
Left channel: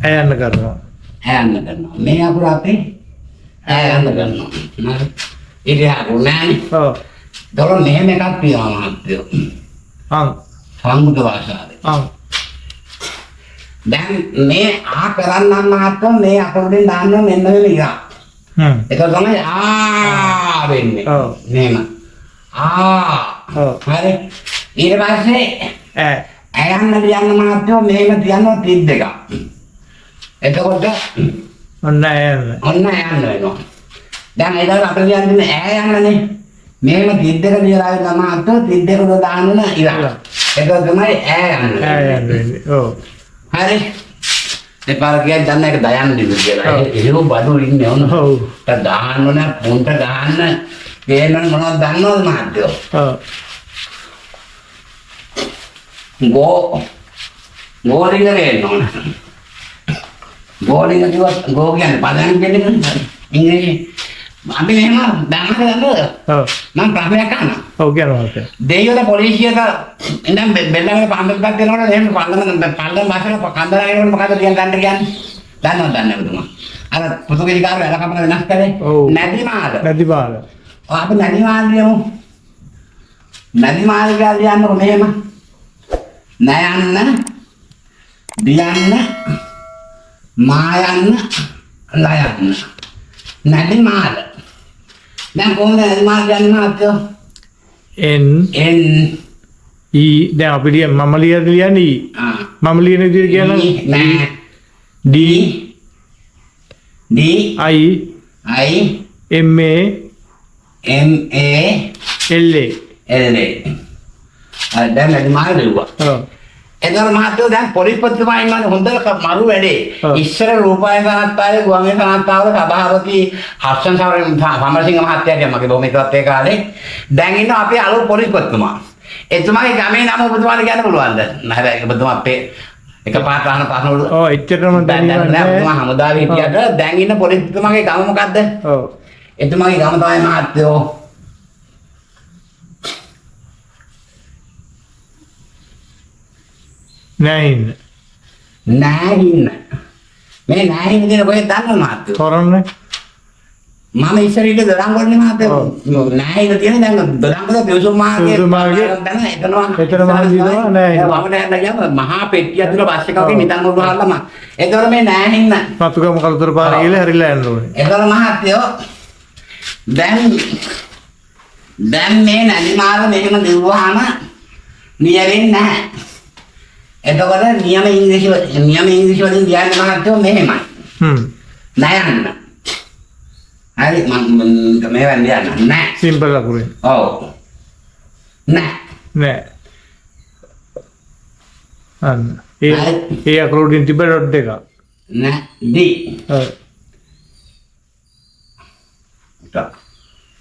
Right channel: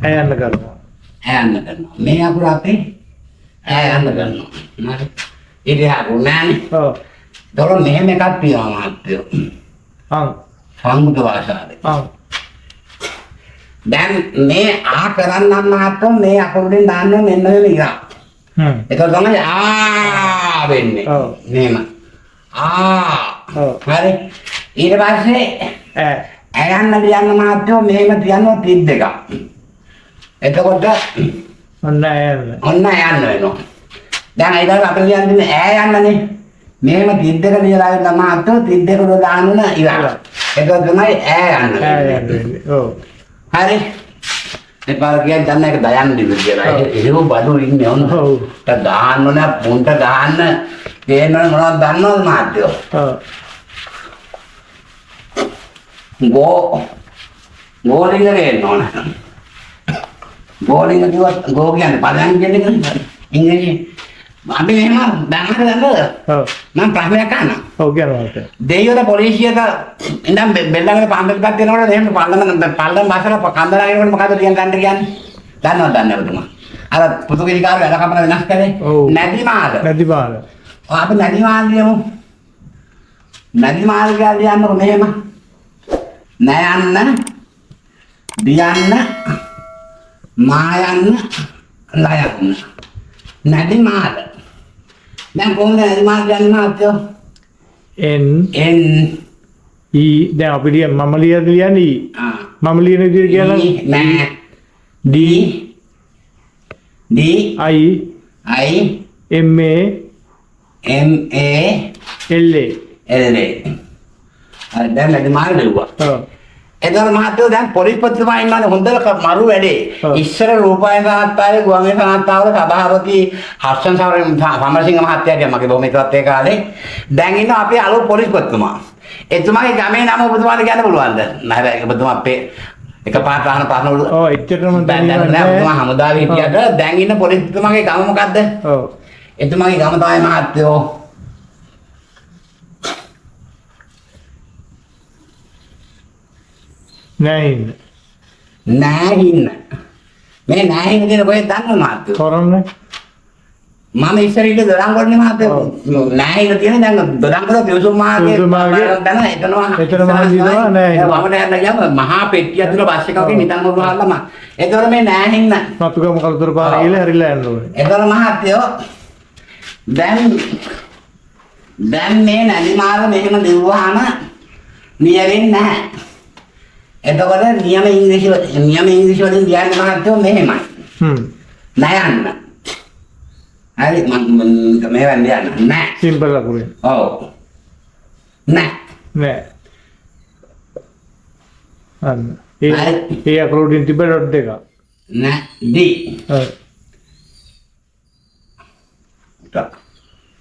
ආයන්න කරනවා. ආයන්න කරනවා. මේ අකුර අපි ආයන්න කරනවා. හරි. ඉතින් අකුර නෑනේ. ඔව් දොර මෙහෙම එකක් තියෙනවා මහත්තයෝ. සංගුත භාෂාවේ. දැන් මේ ආ කරන්නම් මහත්තයෝ මේ අකුරෙන් දාන්න මෙන්න මෙහෙම ඉරා. ඒක තමයි ආ වෙන්නේ. මෙහෙම. ආ. හරි. ඊට පස්සේ ඇයන්න ලියන්න මහත්තයෝ මෙහෙම තියනවා 32ක්. එතකොට ඔන්න ඇයන්න. ඔන්න ඇයන්න වෙනවා. දැන් ඊළඟ අපිට ලියන්නේ ඈ යන්නනේ. මෙහෙම 32 ලියලා ඉන්න මහත්තයෝ 32 දාන්න ඉරා. ඒක තමයි ඈ යන්න. ඈ යන්න වෙන්නේ. ඔව්. හරි. දෙපාර කියන් දන්න එක දයන්න දිවි කියලා. ඒක බඩු ඉන්නේ ඔන්න. ඔව්. දාන්න ඕන පුන්ට ගහන්න ගේන්න මොනවද දන්නවද මහත්තයෝ? ඔව්. ගෝලිංග ගේන්න ඕන. ගෝලිංග කිව්වත් ගෝ කියන්නේ පදයන් කියන්නේ ඉංග්‍රීසි. අපි මෙහෙම දැන් හරි දන්නවද? ඔව්. මම ප්‍රශ්නයක් අහනවා. ඔව් කියනවා. දෙයියෝද පොලිසියට ඉඳන් බෙල්ලගෙන පාන්දරපත් දෙනකොට එහෙම පල්ලම් මාසල කන්දරගෙනකොට මොකද කියන්නේ? දන්නවද දන්නේ ඔබතුමා? අර පෘතුගීසිකාර වැඩ කපන වෙනස් කරේ නැදි මාල. නැදි මාල. අපි නැදි මාල කියමු. නැදි මාල කියලා කියන්නකො මෙහෙම. නයන්න, දියන්න, මායන්න, ලයන්න. නැදි මාල. දැන් කොහොමද නැදි මාල කියන්නේ මාත්‍යෝ? N N E දැන් අපි මම ලියන්නේ මම ලියන විදිහට කියනවා නෑ D D I I M A M A L A L A දැන් නැදි මාල දෙවුවා. ඔව්. එතකොට මහත්තයෝ දැන් පොලිස්පතිතුමා ඉන්නවනේ හොඳට මරු වැඩේ. ඉස්සර රූපాయන සාහත්තායේ ගුවන්විදුලි සාහත්තාවල සභාපති හර්ෂන් සමරසිංහ මහත්තයා කියන මගේ බොහොම ඉතවත් ඒ කාලේ. දැන් ඉන්න අපේ අලුත් පොලිස්පතිතුමා. එතුමාගේ ගමේ නම ඔබතුමාට කියන්න පුළුවන්ද? නැහැ ඔබතුමා අපේ එකපාරට අහන ප්‍රශ්න වල ඔව් එච්චරම දැන් නෑ ඔබතුමා හමුදාවේ හිටියට දැන් ඉන්න පොලිස්පතිතුමාගේ ගම මොකද්ද? ඔව්. එතුමාගේ ගම තමයි මහත්තයෝ නැහින්න. නෑහින්න. මේ නෑහින්න කියන කොහෙද දන්නවද මහත්තයෝ? තොරන්නේ. මම ඉස්සර ඉන්න දොඩංගොඩනේ මහත්තයෝ. නෑහින්න තියෙන දැන් දොඩංගොඩ පියුසුම් මාගේ දැන් එතනවා. එතනම හිටිනවා නෑහින්න. වමට යන්න ගියාම මහා පෙට්ටිය ඇතුළේ බස් එකකින් නිදන් උරුහාලම. ඒතකොට මේ නෑහින්න. මතුගම කලුතර පාර ගිහලා හරිලා යන්න ඕනේ. ඒතකොට මහත්තයෝ දැන් මේ නැදිමාල මෙහෙම දිව්වහම නියවෙන්නේ නැහැ. එතකොට නියම ඉංග්‍රීසි වලින් කියන්නේ මහත්තයෝ මෙහෙමයි. නයන්න. හරි මම මේ වන්දිය යන්න. නෑ. සිම්පල් අකුරෙන්. ඔව්. නෑ. නෑ. අන්න. ඒ අකුරෙන් තිබ්බ ඩොට් එක. නෑ. D. ඔව්. tak.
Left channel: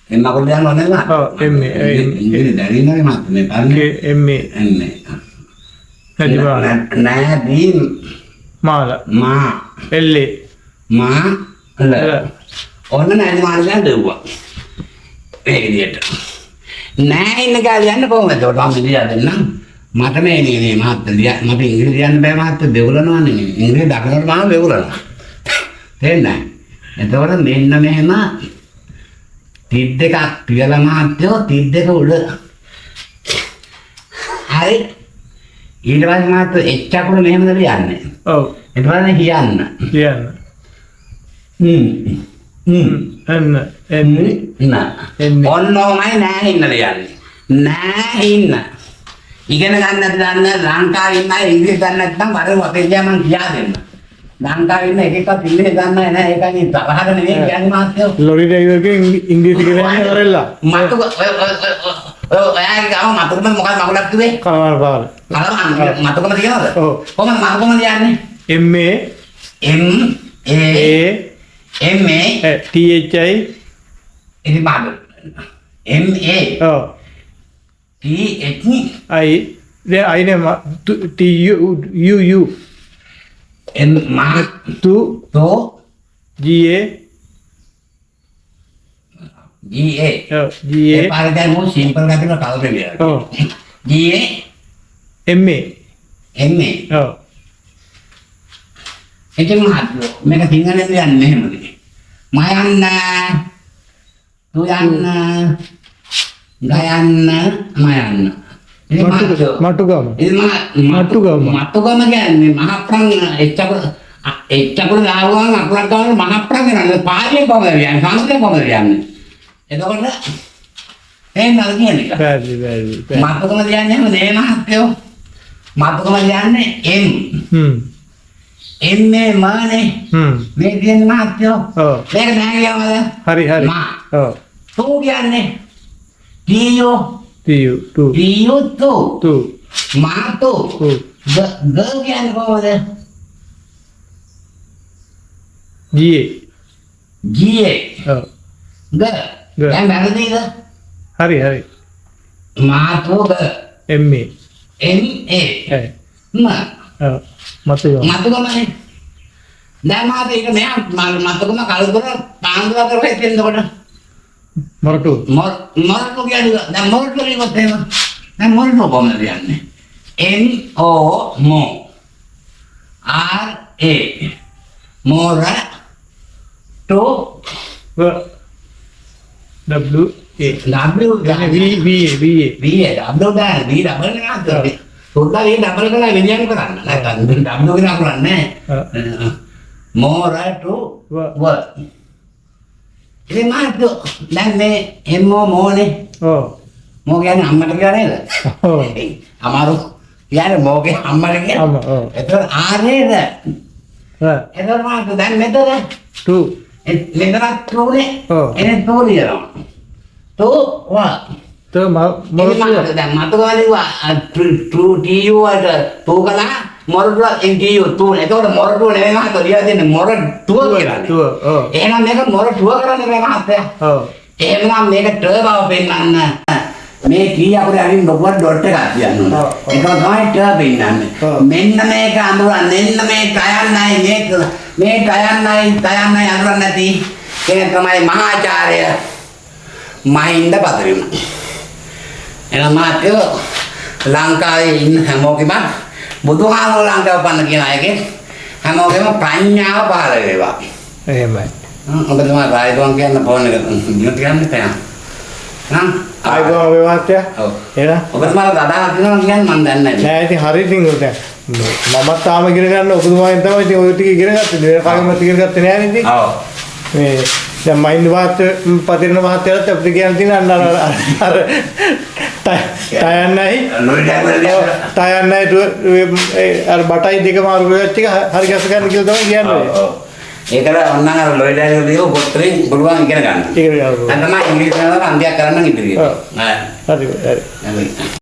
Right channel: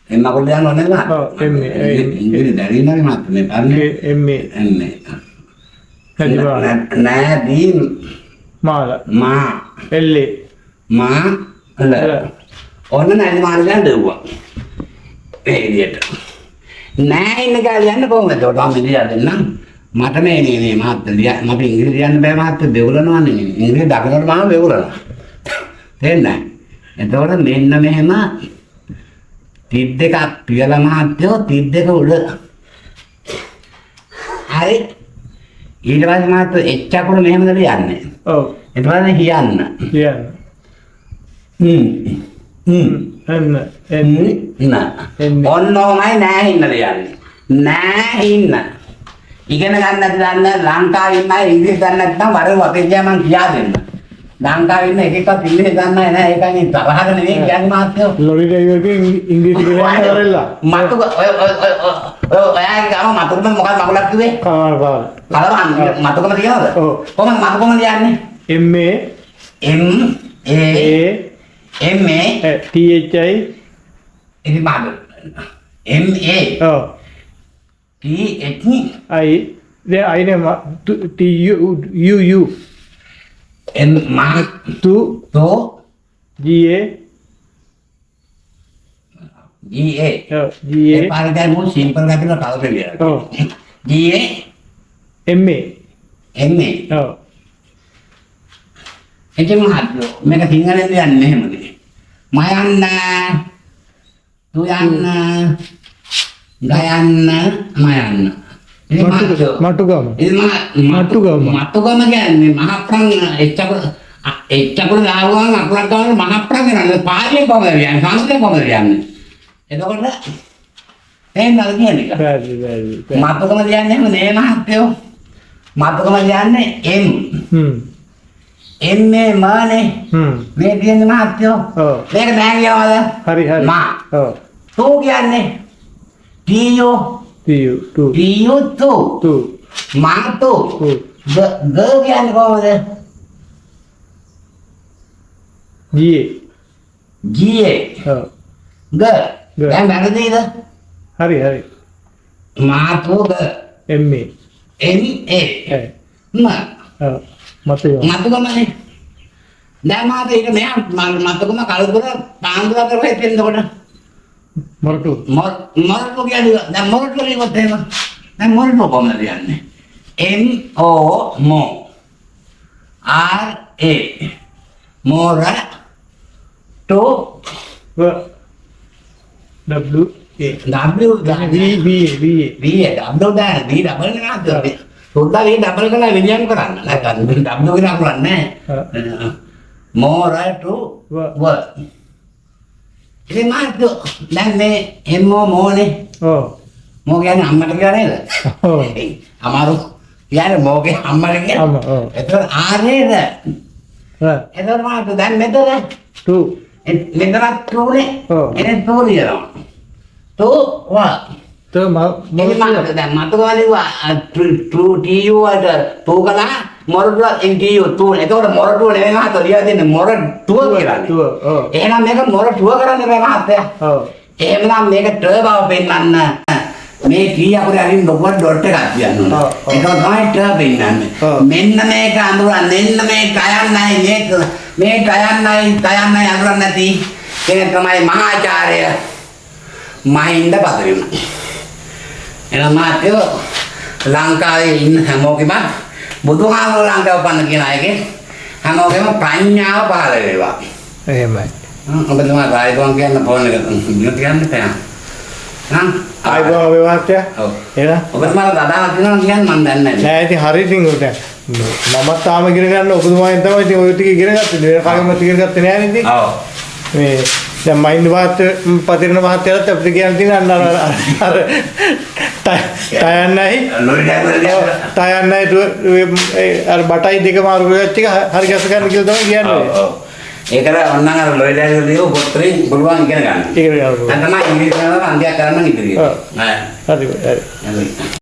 එන්න කොල්ල යන්න ඕනේ නේද? ඔව් එන්නේ. ඉංග්‍රීසි දැරිනනේ මහත්තයෝ මේ පන්නේ. එන්නේ. එන්නේ. නැදී මාල මා එල්ලේ මා ල ඔන්න නැදි මාල ගැන දෙව්වා ඒ විදියට නෑ ඉන්න කාලේ යන්න කොහොමද ඒකට මම ඉඳලා දෙන්නම් මට මේ මහත්තයා මට ඉංග්‍රීසි යන්න බෑ මහත්තයා දෙවුලනවානේ ඉංග්‍රීසි දකිනකොට මම දෙවුලනවා තේන්නේ එතකොට මෙන්න මෙහෙම තිත් දෙකක් පියලා මහත්තයෝ තිත් දෙක උඩ හරි ඊට පස්සේ මාත් එච් අකුර මෙහෙමද ලියන්නේ. ඔව්. ඊට පස්සේ හියන්න. කියන්න. එන්න. ඔන්නෝමයි නෑහින්න ලියන්නේ. නෑහින්න. ඉගෙන ගන්න නැති දන්න ලංකාවේ ඉන්න අය ඉංග්‍රීසි දන්නේ නැත්නම් වරේ අපේ ගියා මං කියා දෙන්න. ලංකාවේ ඉන්න එක එකක් ඉංග්‍රීසි දන්නේ නැහැ. ඒකනේ තරහද නෙවෙයි කියන්නේ මාත්‍යෝ. ලොරි ඩ්‍රයිවර්ගෙන් ඉංග්‍රීසි කියවන්න කරලා. මතු ඔයාගේ ගම මතුකම මොකක්ද මගුලක් කිව්වේ? කලවල් පාර. කලවල් මතුකම තියනවද? ඔව්. කොහොමද මතුකම ලියන්නේ? M A M A T H I ඉතින් මාද M A ඔව් T H I දැන් I නේ T U N මා to G A G A G A A පාරේ දැන් මොන සිම්පල් ගතියකට කවුද ලියන්නේ? ඔව් G A M A M A ඔව් එතන මහත්මයා මේක සිංහලෙන් ලියන්නේ මෙහෙමද? මයන්න තුයන්න ගයන්න මයන්න මටුගම මටුගම කියන්නේ මහප්‍රං එච්චකුල දාවුවම අකුලක් ගන්න මහප්‍රං කරන්නේ පාලියෙන් කොහොමද කියන්නේ සංස්කෘතයෙන් කොහොමද කියන්නේ එතකොට එහෙමද කියන්නේ මටුගම කියන්නේ නේ මහත්මයෝ මටුගම කියන්නේ M මේ මානේ මේ කියන්නේ මහත්මයෝ මේක දැන් කියනවාද හරි මා ඔව් තෝ කියන්නේ ටීයෝ Tu මාතෝ ග කියන්නේ කොහොමද ගියේ ඔව් ග දැන් වැරදිද හරි මාතෝ ග M A ම මතුගමනේ දැන් මාත ඒක මෙයා මතුගම කලුතර පාන්දුර කරලා හිටින්න කොට මොරටු. මොරටු කියන්නේ දැන් මොරටු ඉවත් එහෙම. දැන් මොරටු කොහොමද කියන්නේ? MO මෝ RA මොර to W A W V W දාන V ඩබල් නේද? සුද්දා V ඩබල් කරලා විදියම් කරන්න. නැත්නම් W කියලා කරන්නේ නැහැ. මොර to W. ඉතින් මාත් දැන් මේ MO මෝනේ. ඔව්. මෝ කියන්නේ අම්මට කියලා නේද? ඔව්. අමාරු කියන්නේ මෝගේ අම්මට කියලා. අම්මා ඔව්. එතකොට ආරේද? හා එතකොට මාත් දැන් මෙතන 2 මෙතන තුනේ. ඔව්. එනේ තුනියනවා. වා. તો මොරටු දැන් මත ගාලේවා ට්‍රූ ටීයු වල තෝකලා මොරටු එන්ටීයු ටූ. එතකොට මොරටු නෙවෙයි මහත්තයා ලියලා දෙන්නේ මොරටුව කියලානේ. ඔව්. එහෙනම් මේක මොරටුව කරන්නේ මේ මහත්තයා. ඔව්. එහෙනම් මේක ට බව පෙන්නන්න මේ ටී අපේ අරින් ලොකුවට ඩොට් එකක් තියන්න ඕන. ඒක තමයි ට පෙන්නන්නේ. මෙන්න මේක අඳුරන්න මෙන්න මේ ටයන්නයි මේ ටයන්නයි අඳුරන්න නැති කෙනෙක් තමයි මහාචාර්ය මහින්ද පතරිම. එහෙනම් මාත්‍යෝ ලංකාවේ ඉන්න හැමෝගෙම බුදුහාමුදුරුවෝ ලංකාව පන්න කියන අයගේ හැමෝගෙම ප්‍රඥාව පහළ වේවා. එහෙමයි. ඔබ තමයි රාජ්‍යවන් කියන්න ෆෝන් එක දිනු තියන්න තැන. ආයිබෝන් වේවාත්‍යා. ඔව්. එහෙනම් ඔබ තමයි දඩාවක් කියනවා කියන්නේ මම දන්නේ නැහැ. නෑ ඉතින් හරි ඉතින් ඔය දැන් මමත් තාම ඉගෙන ගන්න ඔබතුමාගෙන් තමයි ඉතින් ඔය ටික ඉගෙන ගත්තේ. වෙන කාගෙන්වත් ඉගෙන ගත්තේ නෑ නේද? ඔව්. මේ දැන් මයින්ඩ් පතිරණ මහත්තයාට අපිට කියන්න තියෙන අර ටයන්නයි අර බටයි දෙක මාරු වෙච්ච එක හරි ගැස ගන්න කියලා තමයි කියන්නේ. ඔව්. ඒකට ඔන්න අර ලොයිඩල් වලින් පොත්‍රේ පුළුවන් ඉගෙන ගන්න. ඉගෙන ගන්න. දැන් තමයි ඉංග්‍රීසි කරනවා අන්තියක් කරන්න ඉතිරිය. හරි හරි. හරි.